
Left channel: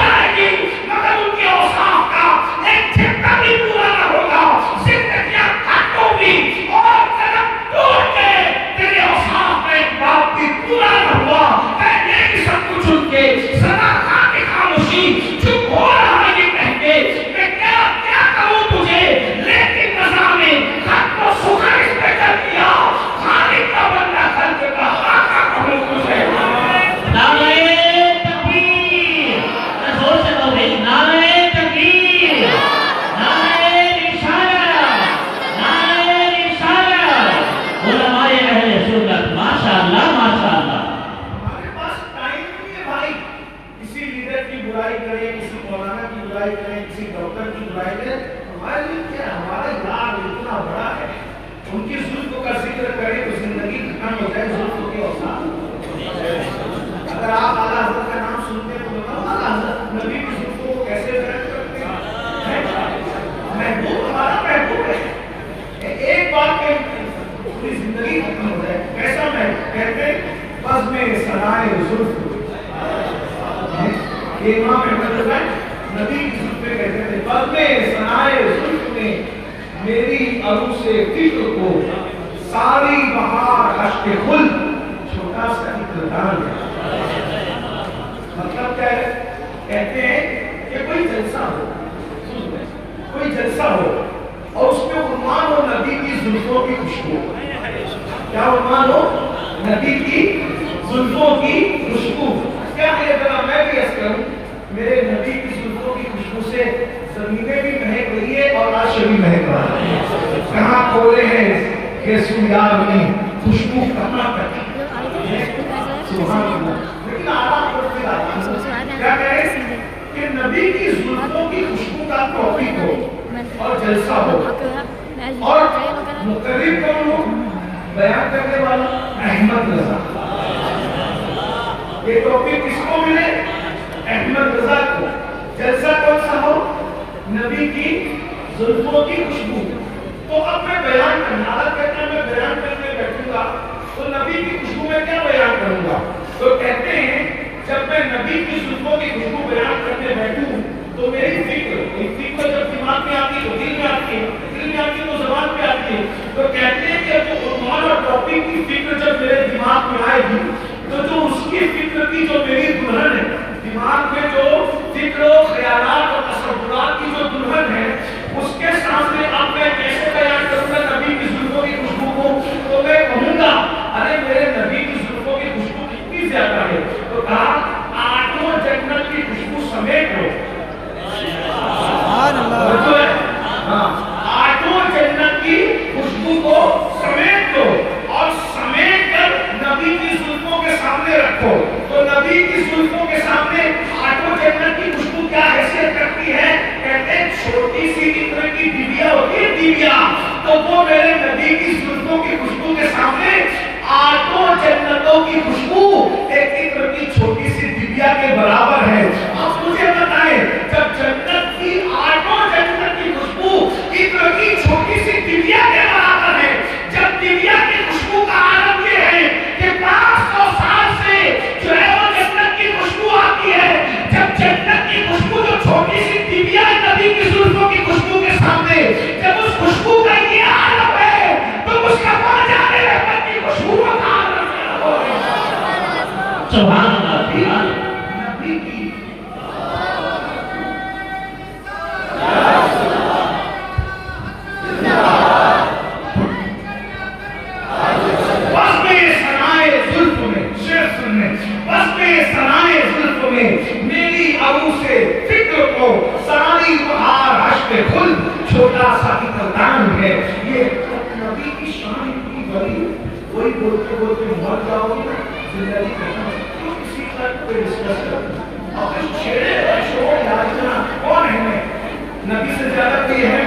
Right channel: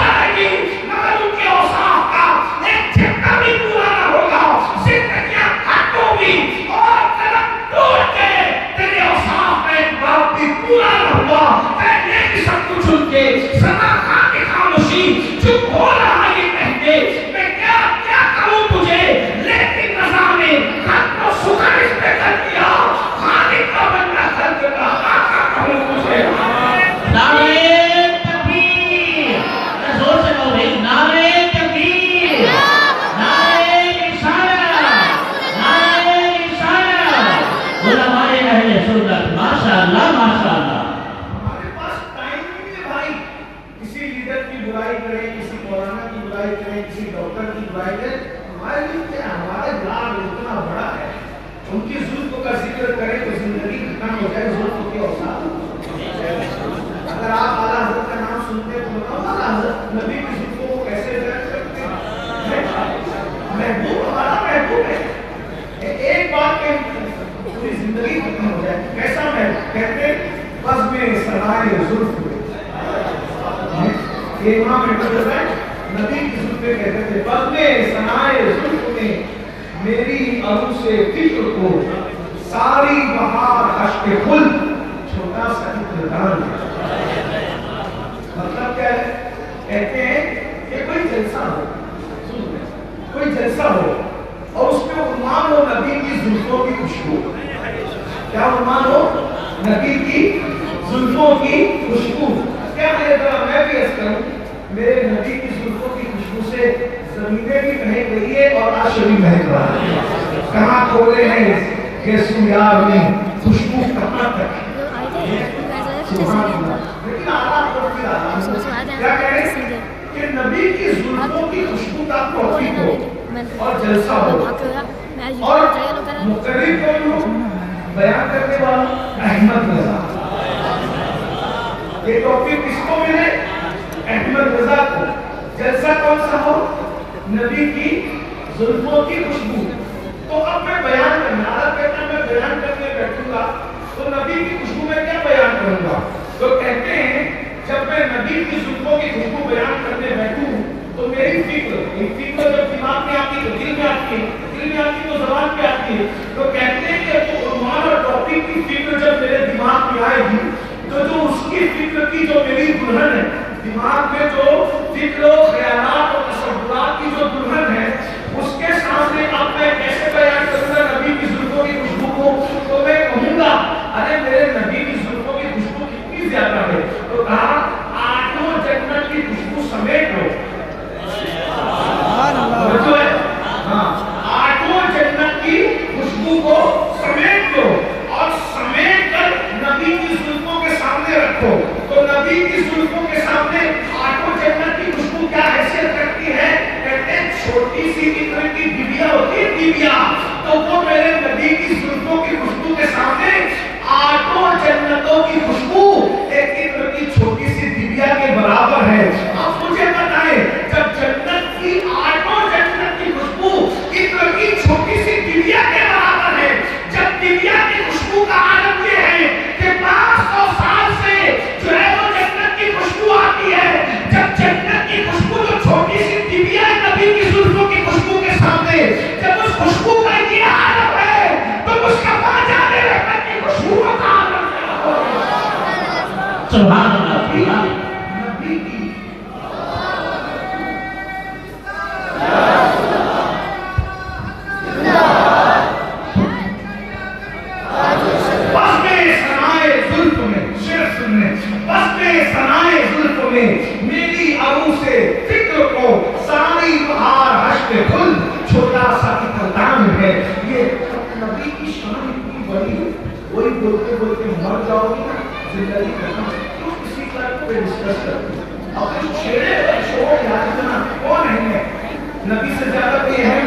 बुराई करें, किसी मौलाना की बुराई करें, किसी डॉक्टर की बुराई करें, हमारे लिए क्या, हमारा यार इतना बड़ा है, उनकी जुल्फ का जिक्र करें तो जिंदगी खत्म हो जाए। जुल्फ के औसाफ, अगर आप आला हज़रत का नाम सुनते तो बताओ आला हज़रत नबी की जुल्फों को कैसे बयान करते हैं। महबूब हमारा महबूब है, एक बात में पूरी जिंदगी खत्म हो जाए। कैसा महबूब, कहते बस में सनाए जुल्फ, इमाम नबी की जुल्फे कहते थे, बस में सनाए जुल्फ ने मेरी अरू से फिक्र को सारी बहार अश्क खुल छोटा सा इक़रार। मतलब क्या है, कहते हैं कि कोई जलसा हो, कोई जलसा हो और उसमें उन्वान हो नबी की जुल्फों की खुशबू। क्या उन्वान हो, नबी की जुल्फों की खुशबू। क्या है, जरा मैं भी अर्ज़ करूं, मेरे नबी की जुल्फों की खुशबू से जमीनें भी महक रही है और अर्श भी महक रहा है। कहाँ खोले हैं कि सुयार में खुशबू कहाँ तक है। सुभान अल्लाह। लेकिन आला को भी आता है, क्या कहें कि नबी की जुल्फों की खुशबू का टॉपिक हो और जलसा हो, और मुकर्रिर कौन हो, बयान करने वाला अहमद रजा। ये टॉपिक किसको मिले, अहमद रजा को। जलसा कौन सा हो, नबी की जुल्फों की खुशबू। तो अब मैं बयान करना, आदत कहता है मैं बयान करने बैठूंगा तो नबी की खुशबू में क्या बयान करूंगा। तो कहते हैं जब मैं नबी की जुल्फों की खुशबू बयान करने बैठूं तो मेरी फिक्र जब दिमाग में आती है तो दिल में आती है, दिल में आती है तो ज़बान पे आती है। तो कहते हैं कि तो उन्वान और टॉपिक की फिक्र जब मेरे दिमाग में आएगी तो जो उसकी फिक्र की जो मेरी दुल्हन है, दिमाग में जो फिक्र ख्यालात और तसव्वुरात की जो दुल्हन है, उसके सामने अब मैं कैसे बयान करूंगा नबी की जुल्फों की खुशबू को। तो मैं कहूंगा अरे मेरे नबी की जुल्फों की खुशबू कितनी ज्यादा है। तो कहा आठों जन्नत की खुशबू समेट लो। हाँ, आठों जन्नत की खुशबू को समेट लो और समेट कर नबी की जुल्फों के सामने रखो। तो नबी की जुल्फों के सामने आठों जन्नत की खुशबू क्या हैसियत रखती है, कहते हैं छोटी सी इत्र की डिबिया होती है, डिबिया, तो वो मेरे नबी की जुल्फों की खुशबू के सामने आठों जन्नतों की खुशबू एक इत्र की छोटी सी डिबिया के बराबर है। अब मुझे बताएं, जब जन्नत की आठों जन्नत की खुशबू इत्र की छोटी सी डिबिया के बराबर है, जब डिबिया की खुशबू का आलम ये है कि 500 साल से जो है वो जन्नत की खुशबू आती है, जब जन्नत की खुशबू जो छोटी सी डिबिया है नबी की जुल्फों की खुशबू के सामने, जब उस खुशबू का ये आलम है तो उसका वहां जाने रहमत की खुशबू का आलम क्या होगा। सुभान अल्लाह। नबी की मेरी अबू से फिक्र को सारी बहार हश्क खुल छोटा सा इक़रार है। ये नबी की शान इतनी बड़ी, वही बोलते बोलते मर जाओगी ना, जिंदगी खत्म। क्यों किसी पर कोई डिस्कस करते, अपने छेड़े छोड़ याद करना कौन है, नबी से ज्यादा कोई है,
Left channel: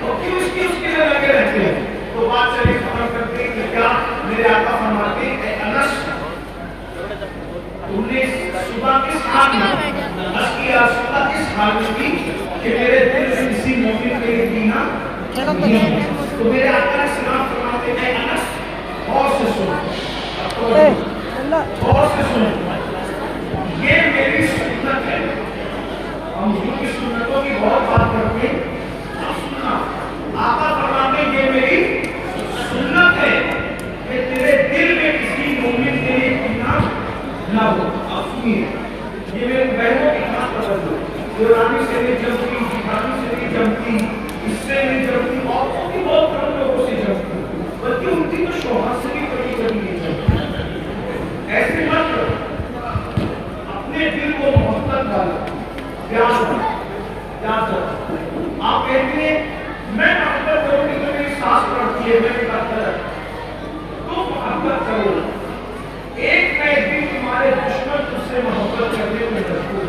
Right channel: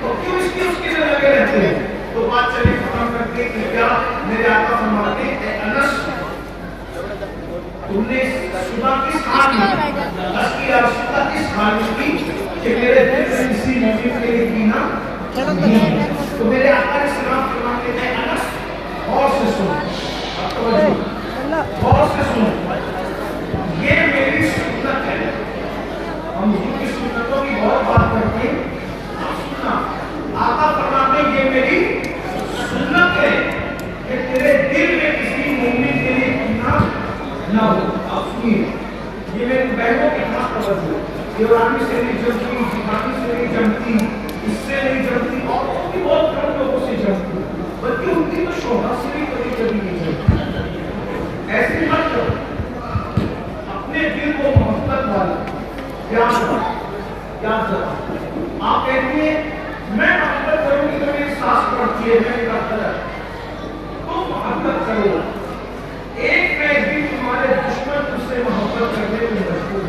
तो क्यों इसके उसके लिए लगे रहते हैं। तो बात चले खत्म करते हैं कि क्या मेरे आका फरमाते हैं, अनस तुमने सुबह किस हाल में सुबह किस हाल में की कि मेरे दिल में किसी मौके के लिए पीना नहीं है। तो मेरे आका ने सलाम फरमाते हैं, अनस गौर से सुनो, गौर से सुनो, ये मेरी सुन्नत है। हम हुजूर की सुन्नतों की बहुत बात करते हैं, अब सुनना, आका फरमाते हैं ये मेरी सुन्नत है कि तेरे दिल में किसी मोमिन के लिए पीना ना हो। अब सुनिए, ये मेरे बहनों की खास तवज्जो, ईरानी से नहीं जमती, जिहादी से नहीं जमती, इससे नहीं जमती, और भी बहुत कम लोगों से जमती, बल्कि उनकी तो शोहरत से भी कभी कभी नहीं जमती। ऐसे मत करो, अपने दिल को मोहब्बत वाला प्यार दो। आप कहते हैं मैं मोहब्बत करूंगी तो मेरी सास पड़ती है, मैं गलत, तो मोहब्बत करो। एक दिन तुम्हारे दुश्मन तुझसे मोहब्बत करने में मजबूर,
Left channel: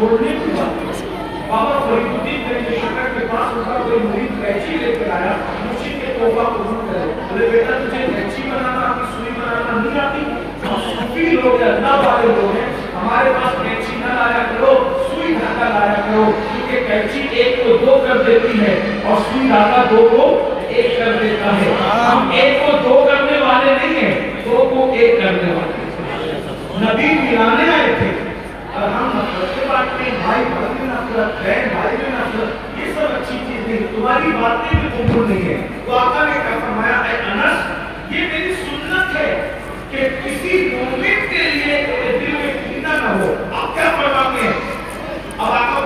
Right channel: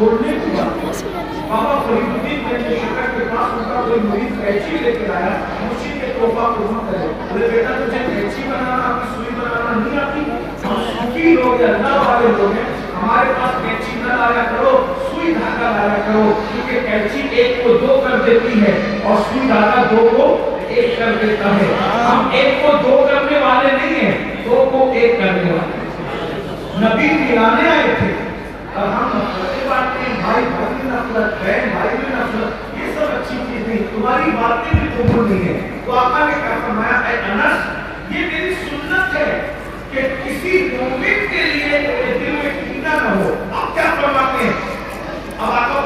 छोड़ने की बात है। बाबा फरीदुद्दीन के शक्कर के पास उनका कोई मुरीद कैंची लेकर आया, मुर्शिद के तोहफा कबूल करे, बोले बेटा तुझे कैंची बनाना आती, सुई बनाना नहीं आती? हम सूफी लोग हैं, अल्लाह वाले लोग हैं, हमारे पास कैंची न लाया करो, सुई धागा लाया करो, क्योंकि कैंची एक को दो कर देती है और सुई धागा दो को एक कर देता है। हम एक को दो करने वाले नहीं है, दो को एक करने वाले। नबी मिलाने आए थे और हम नफरत के बातें, भाई भाई में नफरत, बहन भाई में नफरत, ये सब अच्छी चीज नहीं, तुम्हारी बातें भी कबूल नहीं है। तो आका ने क्या फरमाया, ऐ अनस, ये मेरी सुन्नत है कि किसी मोमिन के लिए तेरे दिल में कीना न हो। अब क्या फरमाते हैं, अब आका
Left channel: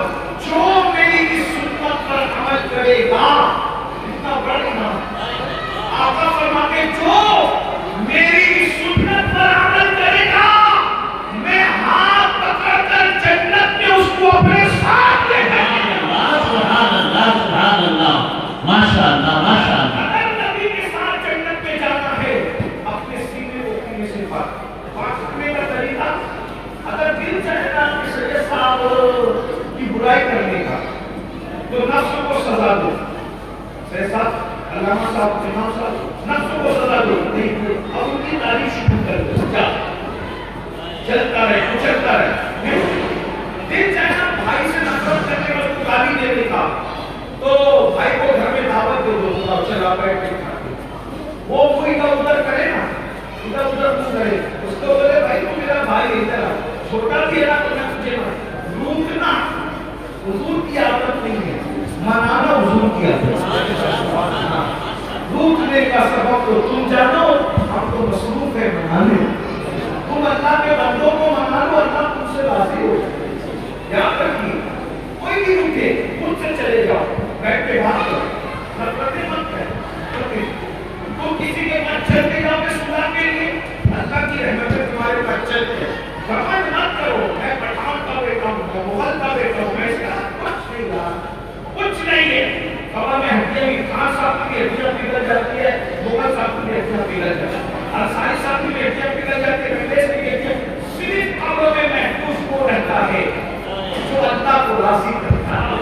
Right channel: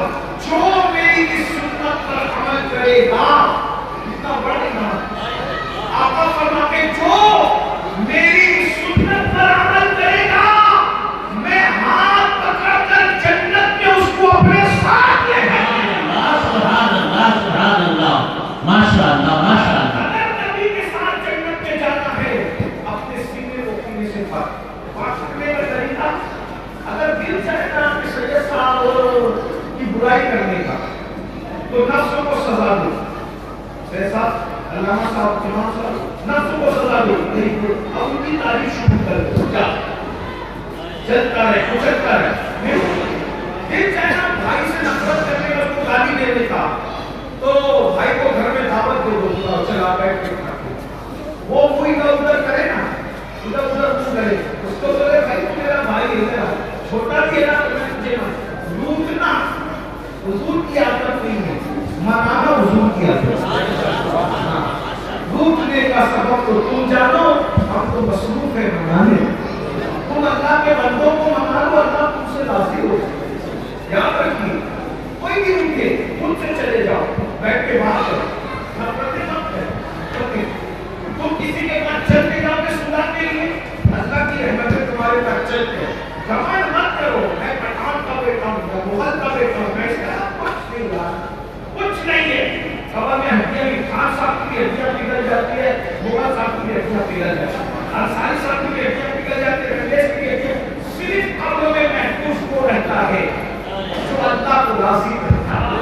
जो मेरी इस सुन्नत पर अमल करेगा, इतना बड़ा नाम, आका फरमाते जो मेरी इस सुन्नत पर अमल करेगा, मैं हाथ पकड़कर जन्नत में उसको अपने साथ ले जाऊंगा। सुभान अल्लाह, सुभान अल्लाह, माशाअल्लाह, माशाअल्लाह। अगर नबी के साथ जन्नत में जाना है, अपने सीने को सीने से पास करने का तरीका, अगर दिल चाहेगा कि सैयद साहब की बुराई करने का, तो नफ्स को सजा दो। सैयद साहब, अल्लामा साहब, इमाम साहब, नफ्स को सजा दो, नहीं तो अब उनकी तारीफ शुरू कर दो, क्या चलता रहे, कुचलता रहे। दिल चाहे भाई से नफरत करने का, उसको गाली देने का, तो भाई को घर में दावत दे दो, चला बैठ के खाते, वो इधर उधर करे ना, इधर उधर कुछ करे, उसको बोले भाई तू मेरा भाई है, जरा छोटा भी है ना, तो मैं तुझे ना लूटना, हुजूर की आदत नहीं है, मनाना हुजूर की आदत। लूटने का सबब तो तुम जानो, हम तो मसरूफ है मनाने। तुम अल्लाह के बंदों को मना लो, अल्लाह तुमसे राजी हो। याद रखिए, कोई भी उठे, खुद से चले जाओ, बैठ के बात करो, नफरतें मत करो। तुम किसी के पास चलते जाओगे सुधा के लिए, अल्लाह की रहमतें तुम्हारे पास चलते हैं। घमंड मत करो, मैं पठान का बेटा हूँ, मैं मुगल का बेटा हूँ, मैं इसका कुछ नहीं हुआ, कुछ नहीं है। खबर में हड्डियां, खान साहब की हड्डियां पिघल जाती है, मुगल साहब की हड्डियां पिघल जाती है, अंसारी साहब की हड्डियां पिघल जाती है, रंगेश की हड्डियां सिर्फ कब्र में महफूज को रहता है जो अल्लाह को राजी करता है।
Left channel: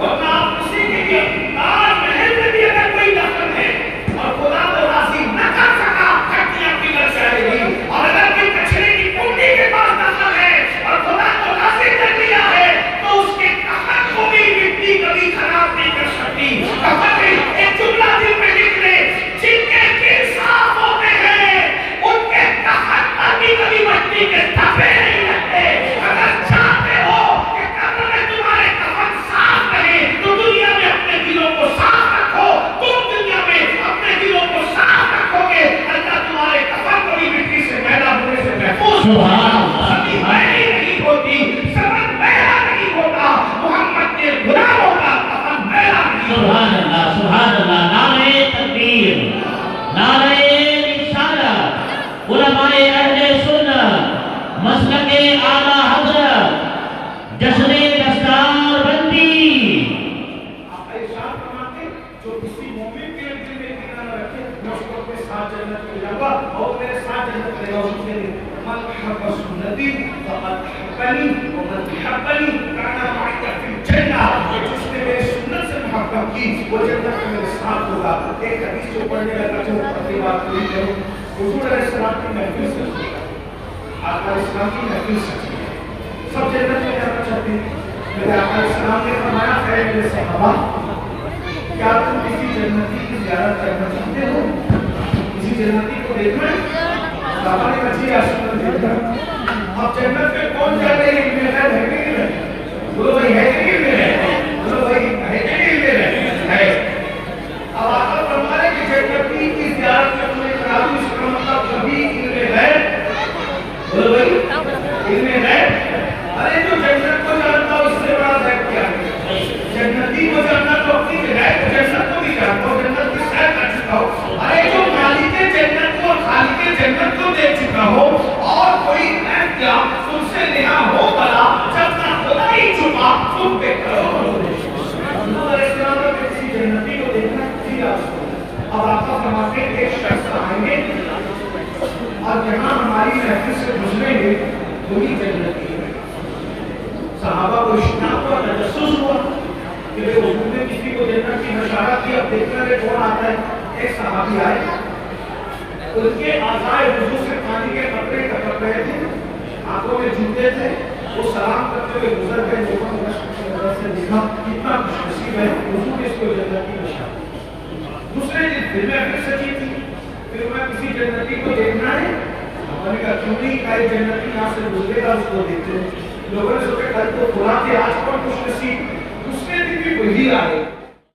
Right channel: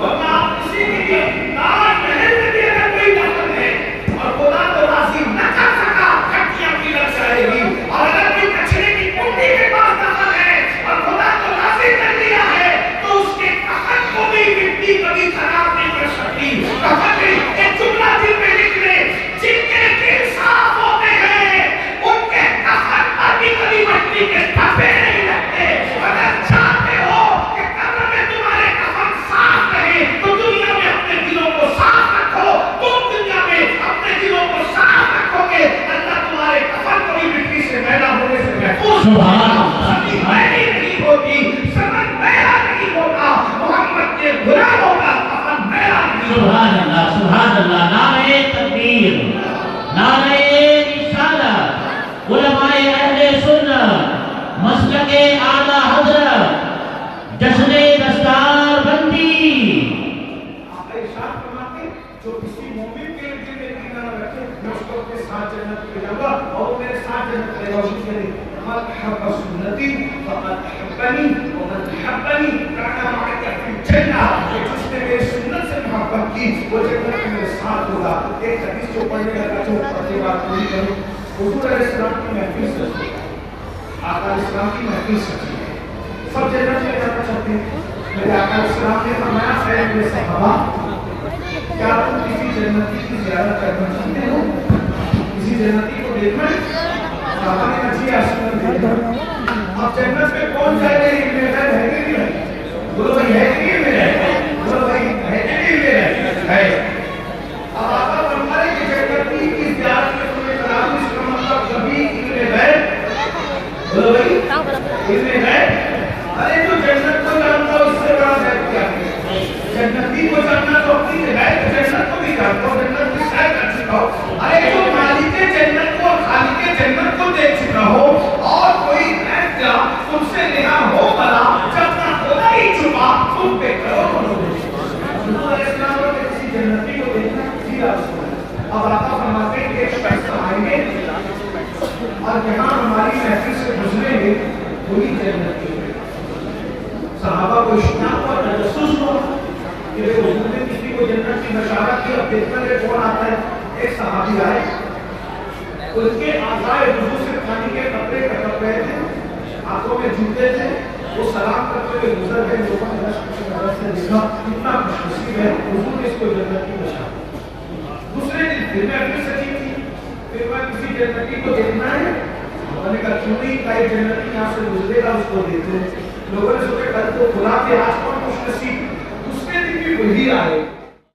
वरना आप किसी के लिए ताज महल में भी अगर कोई दफन है और खुदा को राजी न कर सका, हड्डियां पिघल जाएगी। और अगर कोई कचरे की कुंडी के पास दफन है और खुदा को राजी कर दिया है, तो उसके कफन को भी मिट्टी कभी खराब नहीं कर सकती। कफन में एक जुमला दिल में लिख ले, जिनके दिल साफ होते हैं उनके कफन पर भी कभी मिट्टी के धब्बे नहीं लगते। अगर चाहते हो कि कब्र में तुम्हारे कफन साफ रहे, तो दुनिया में अपने दिलों को साफ रखो। तुम दुनिया में अपने दिलों को साफ रखोगे, अल्लाह तुम्हारे कफन को भी मिट्टी से मैला होने से महफूज कभी मैली नहीं होती, समझ मैला नहीं होता, मोहम्मद के गुलामों का कफन मैला नहीं होता। सुभान अल्लाह, सुभान अल्लाह। नारे तकबीर, नारे रिसालत, उलमाए अहले सुन्नत, मसलके आला हज़रत, जश्ने दस्तार बंदी। आप इरशाद फरमाते, जो किसी मोमिन के दिल में कीना न रखे, मैं उसको अपने साथ जन्नत में जाऊंगा और मेरे साथ जन्नत में रहेगा। उसके लिए मन हब्ब सुन्नती फक़द हब्बनी व मन हब्बनी काना माइया फिल जन्नह। जिसने मेरी सुन्नत से मोहब्बत की, वो जन्नत में मेरे साथ होगा। एक हदीस जो पढ़ने लगा तो पहली बात पूरी करूं, हुजूर अलैहिस्सलाम की महफिल सच्ची है, आका इस्लाम की महफिल सच्ची है, सब जन्नत में जाना चाहते हैं। मेरे आका इस्लाम ने फरमाया, ऐ मेरे सहाबा, क्या तुम किसी जन्नती की ज़ियारत करना चाहते हो? किसी जन्नती को देखना है? सहाबा ने कहा, जी आसमान देखना। अब जन्नत में कौन जाएगा? इल्मे गैब है कि नहीं है? बोलो भाई है कि नहीं है? बोलो भाई है कि नहीं है? अब आका फरमा रहे कि जन्नती की ज़ियारत में तुम्हें करा दूं, इसका मतलब कभी इल्मे गैब, बोलो भाई इल्मे गैब। अरे जो जन्नत को जानता हो, इससे बड़ा गैब क्या है? जन्नती को जानना तो अपनी है, जन्नत को भी जानता हो, जन्नत की सैर कर चुका हो। अरे जो मालिक जन्नत को और खालिक जन्नत को देख चुका हो, और कोई ऐसा तुमसे नेहा हो बड़ा, जब ना खुदा ही छुपा तुम पे करो। इस्लाम में किसी जन्नती को देखना किसी आपको। अब आका फरमाते हैं, एक शख्स आएंगे और यहाँ हमारी महफिल से गुजरेंगे, वही जन्नती है। सहाबा को इश्तियाक हुआ, तजस्सुस हुआ कि भाई हुजूर ने किसी को जन्नत की बशारत की, अब देखना है कौन आता है। एक सहाबी आए, उनके आज़ाए हुजूर से पानी के कतरे टपक रहे थे, आंखों में जूते थे, वो सलाम करते हुए गुजर गए। लोगों ने नजर से देखा कितना खुशनसीब है, हुजूर ने इसको जन्नत की बशारत। दूसरे दिन फिर मैं फिर सची थी, फिर मैं किसी जन्नती को देखना है, मैंने कहा क्यों नहीं, कई जन्नती यहाँ से गुजरेगा उसको देखते। लोगों ने सोचा कल तो खुला थे, आज कौन खुशनसीब। दूसरे दिन भी वही आ गए।